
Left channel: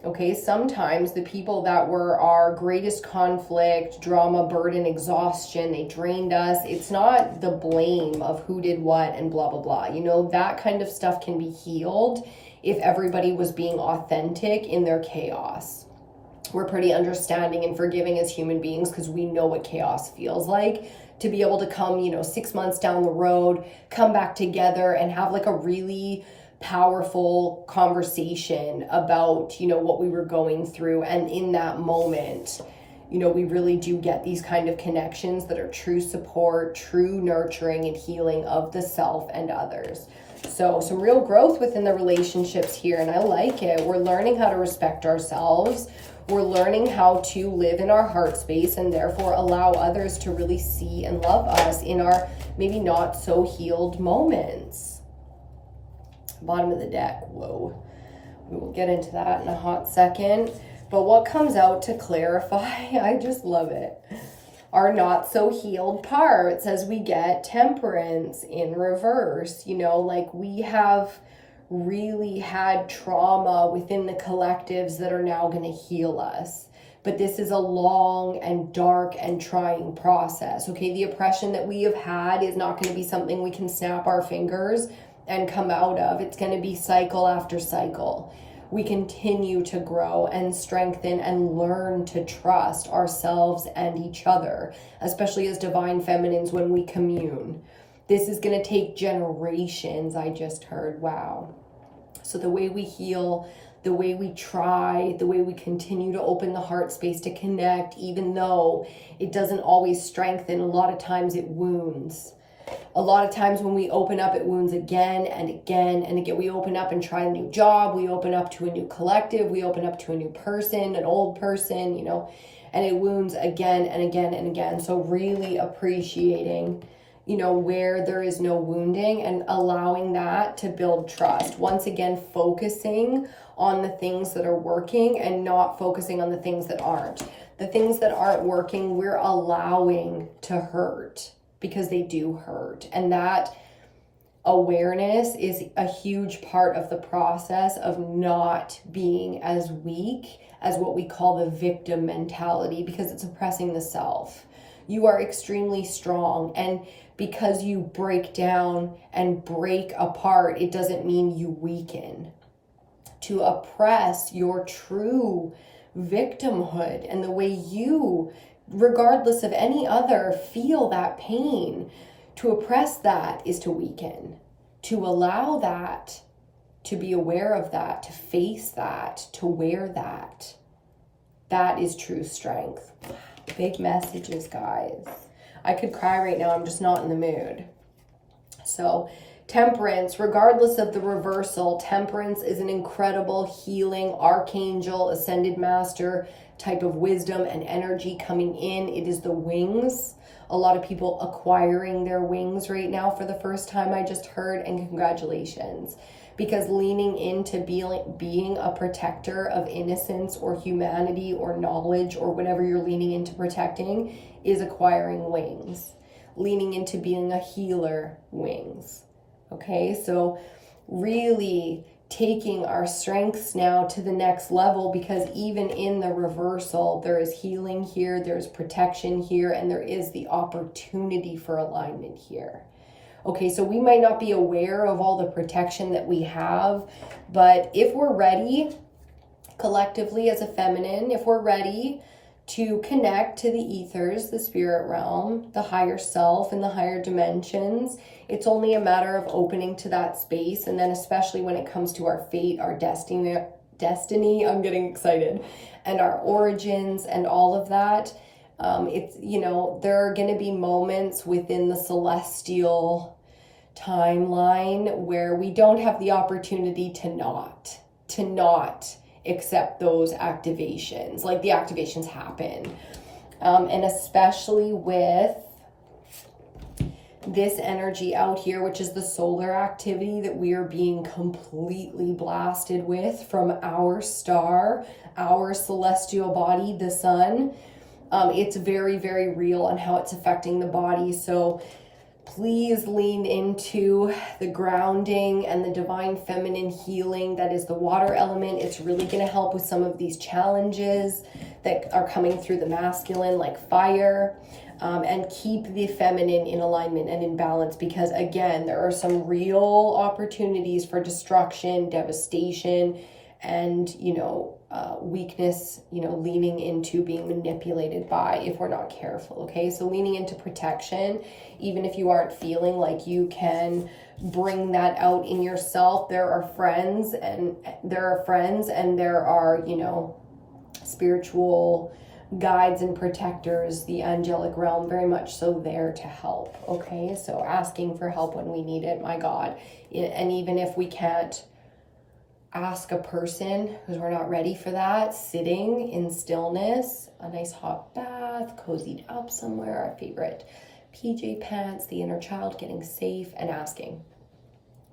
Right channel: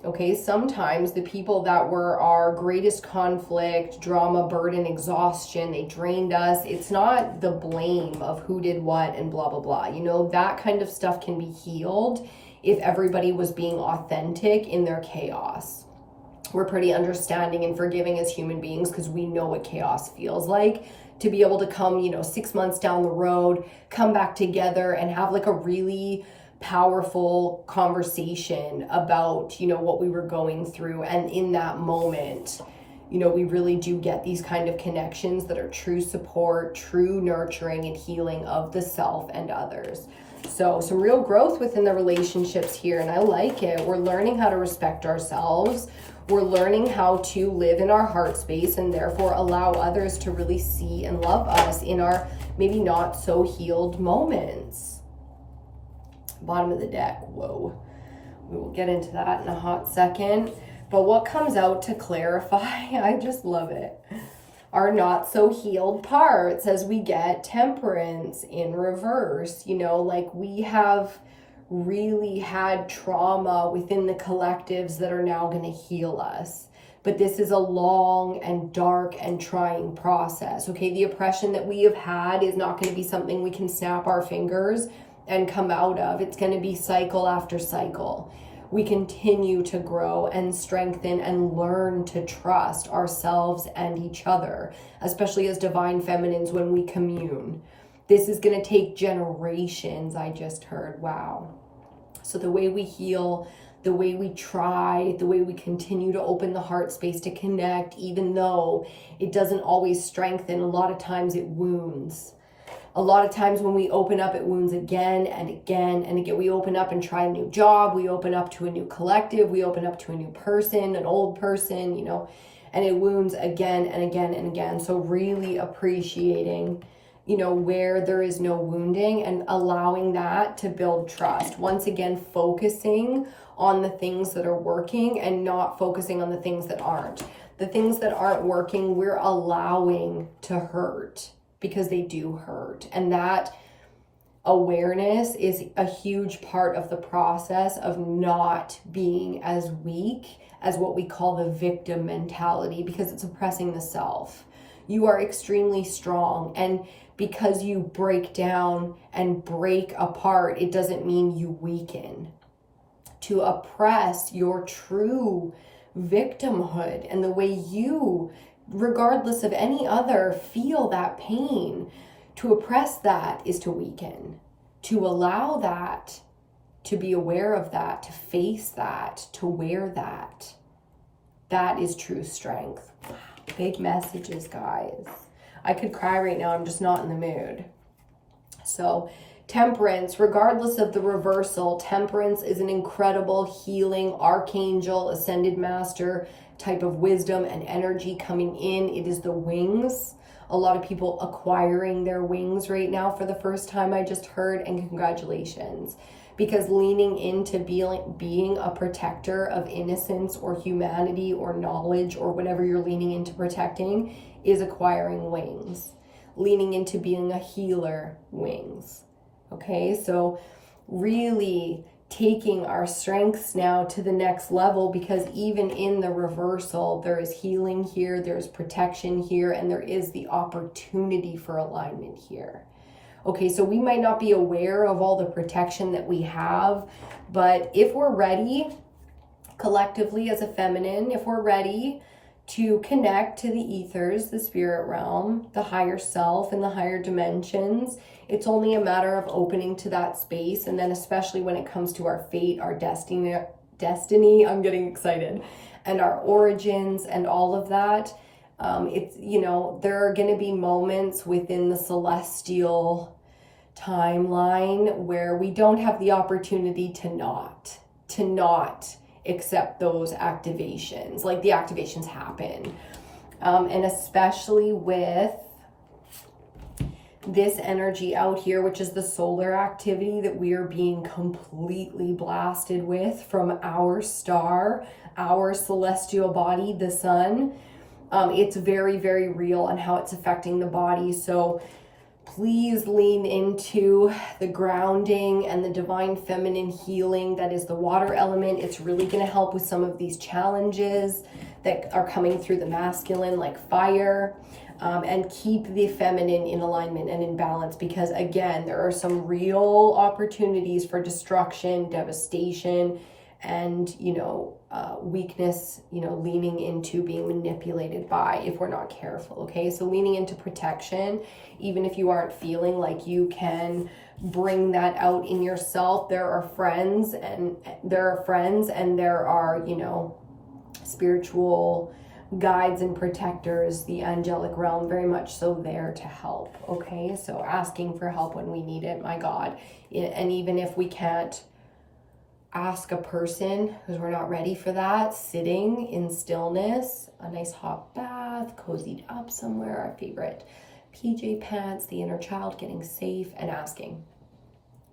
Okay, sometimes the people that were our greatest conflict, drama, burden, exhaustion, they drained us. It's not the blame of who did what and blah, blah, blah. That kind of stuff can be healed if everybody was being authentic in their chaos. We're pretty understanding and forgiving as human beings because we know what chaos feels like. To be able to come, 6 months down the road, come back together and have like a really powerful conversation about, what we were going through. And in that moment, we really do get these kind of connections that are true support, true nurturing and healing of the self and others. So some real growth within the relationships here, and I like it. We're learning how to respect ourselves. We're learning how to live in our heart space and therefore allow others to really see and love us in our maybe not so healed moments. Bottom of the deck, whoa. We will get into that in a hot second. But what comes out to clarify, I just love it, our not so healed parts as we get Temperance in reverse. Like we have really had trauma within the collectives that are now going to heal us. But this is a long and dark and trying process. Okay, the oppression that we have had is not going to be something we can snap our fingers and come out of. It's going to be cycle after cycle. We continue to grow and strengthen and learn to trust ourselves and each other, especially as divine feminines when we commune. This is going to take generations, I just heard. Wow. So the way we heal, the way we try, the way we continue to open the heart space to connect, even though it doesn't always strengthen, a lot of times it wounds. A lot of times when we open up, it wounds again and again and again. We open up and try a new job. We open up to a new collective. We open up to a new person, an old person, and it wounds again and again and again. So really appreciating, where there is no wounding and allowing that to build trust. Once again, focusing on the things that are working and not focusing on the things that aren't. The things that aren't working, we're allowing to hurt because they do hurt. And that awareness is a huge part of the process of not being as weak as what we call the victim mentality, because it's oppressing the self. You are extremely strong, and because you break down and break apart, it doesn't mean you weaken. To oppress your true victimhood and the way you, regardless of any other, feel that pain, to oppress that is to weaken. To allow that, to be aware of that, to face that, to wear that, that is true strength. Big messages, guys. I could cry right now. I'm just not in the mood. So Temperance, regardless of the reversal, Temperance is an incredible healing archangel, ascended master type of wisdom and energy coming in. It is the wings. A lot of people acquiring their wings right now for the first time, I just heard, and congratulations. Because leaning into being a protector of innocence or humanity or knowledge or whatever you're leaning into protecting is acquiring wings. Leaning into being a healer, wings. Okay, so really taking our strengths now to the next level, because even in the reversal, there is healing here, there's protection here, and there is the opportunity for alignment here. Okay, so we might not be aware of all the protection that we have, but if we're ready, collectively as a feminine, if we're ready to connect to the ethers, the spirit realm, the higher self, and the higher dimensions, it's only a matter of opening to that space. And then especially when it comes to our fate, our destiny, I'm getting excited, and our origins and all of that. It's, you know, there are going to be moments within the celestial timeline where we don't have the opportunity to not accept those activations. Like, the activations happen. And especially with this energy out here, which is the solar activity that we are being completely blasted with from our star, our celestial body, the sun. It's very, very real on how it's affecting the body. So please lean into the grounding and the divine feminine healing that is the water element. It's really going to help with some of these challenges that are coming through the masculine, like fire, and keep the feminine in alignment and in balance, because again, there are some real opportunities for destruction, devastation, and, you know, weakness, you know, leaning into being manipulated by, if we're not careful. Okay, so leaning into protection, even if you aren't feeling like you can bring that out in yourself, there are friends, and there are, you know, spiritual guides and protectors, the angelic realm, very much so there to help. Okay, so asking for help when we need it, my God. And even if we can't ask a person, because we're not ready for that, sitting in stillness, a nice hot bath, cozied up somewhere, our favorite PJ pants, the inner child getting safe, and asking.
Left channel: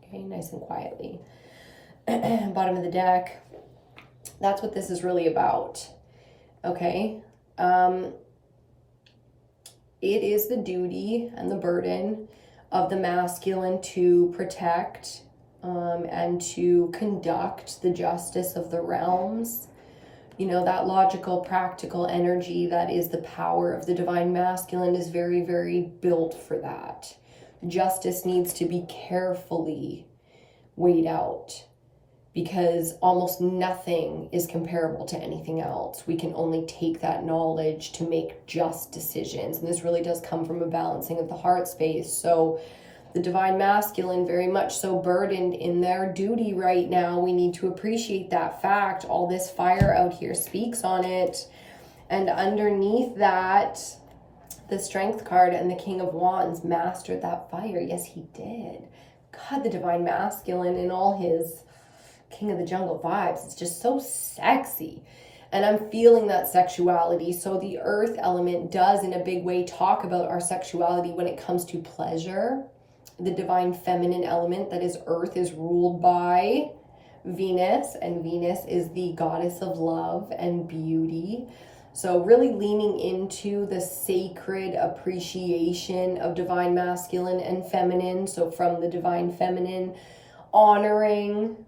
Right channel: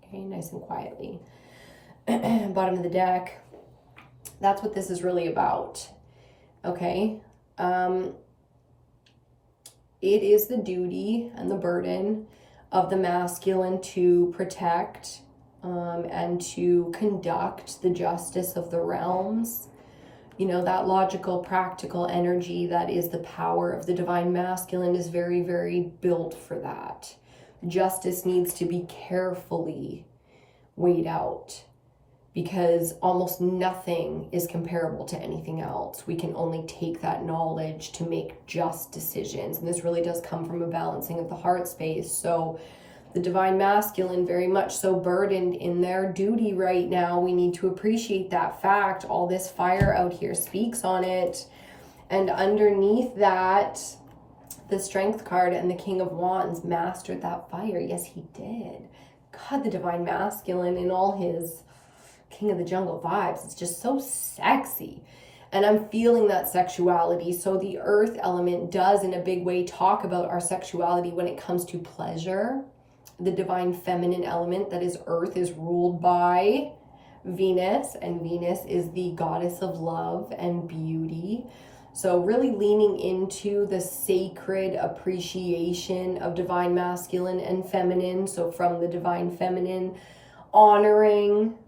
Okay, nice and quietly. Bottom of the deck. That's what this is really about. Okay. It is the duty and the burden of the masculine to protect and to conduct the justice of the realms. You know, that logical, practical energy that is the power of the divine masculine is very, very built for that. Justice needs to be carefully weighed out, because almost nothing is comparable to anything else. We can only take that knowledge to make just decisions. And this really does come from a balancing of the heart space. So the divine masculine, very much so burdened in their duty right now. We need to appreciate that fact. All this fire out here speaks on it. And underneath that, the Strength card and the King of Wands mastered that fire. Yes, he did. God, the divine masculine in all his King of the Jungle vibes. It's just so sexy. And I'm feeling that sexuality. So the earth element does in a big way talk about our sexuality when it comes to pleasure. The divine feminine element, that is earth, is ruled by Venus, and Venus is the goddess of love and beauty. So really leaning into the sacred appreciation of divine masculine and feminine. So from the divine feminine, honoring,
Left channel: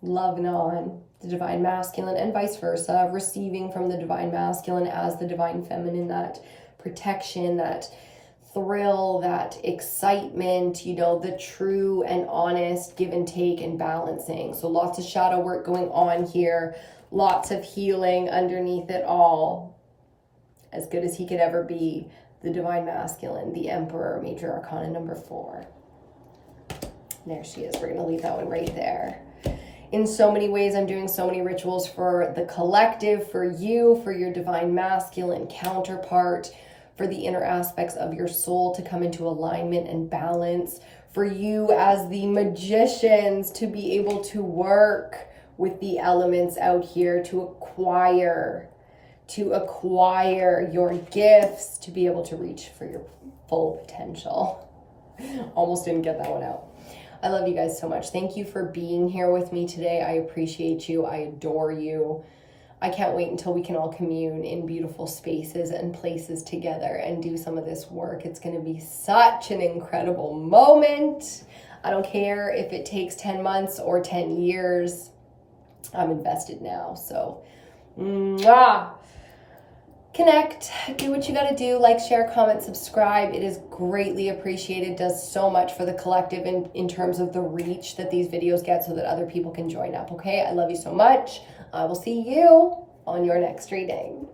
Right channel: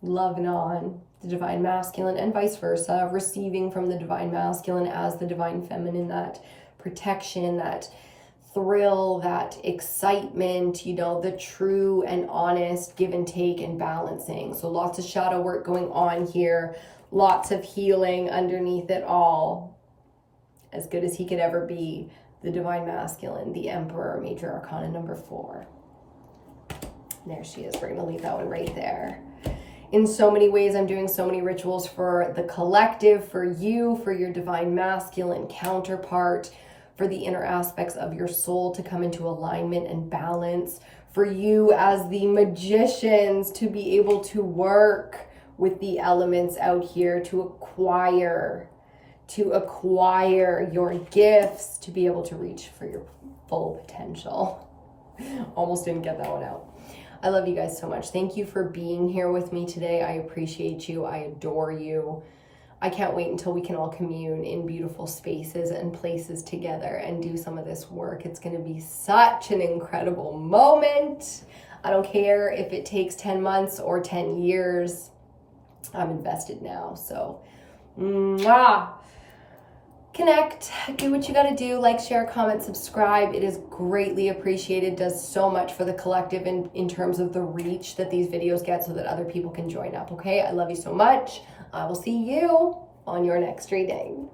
loving on the divine masculine, and vice versa, receiving from the divine masculine as the divine feminine, that protection, that thrill, that excitement, you know, the true and honest give and take and balancing. So lots of shadow work going on here, lots of healing underneath it all. As good as he could ever be, the divine masculine, the Emperor, major arcana number 4. There she is. We're going to leave that one right there. In so many ways, I'm doing so many rituals for the collective, for you, for your divine masculine counterpart, for the inner aspects of your soul to come into alignment and balance, for you as the magicians to be able to work with the elements out here, to acquire your gifts, to be able to reach for your full potential. Almost didn't get that one out. I love you guys so much. Thank you for being here with me today. I appreciate you. I adore you. I can't wait until we can all commune in beautiful spaces and places together and do some of this work. It's going to be such an incredible moment. I don't care if it takes 10 months or 10 years. I'm invested now. So, connect, do what you got to do, like, share, comment, subscribe. It is greatly appreciated, does so much for the collective in terms of the reach that these videos get so that other people can join up. Okay, I love you so much. I will see you on your next reading.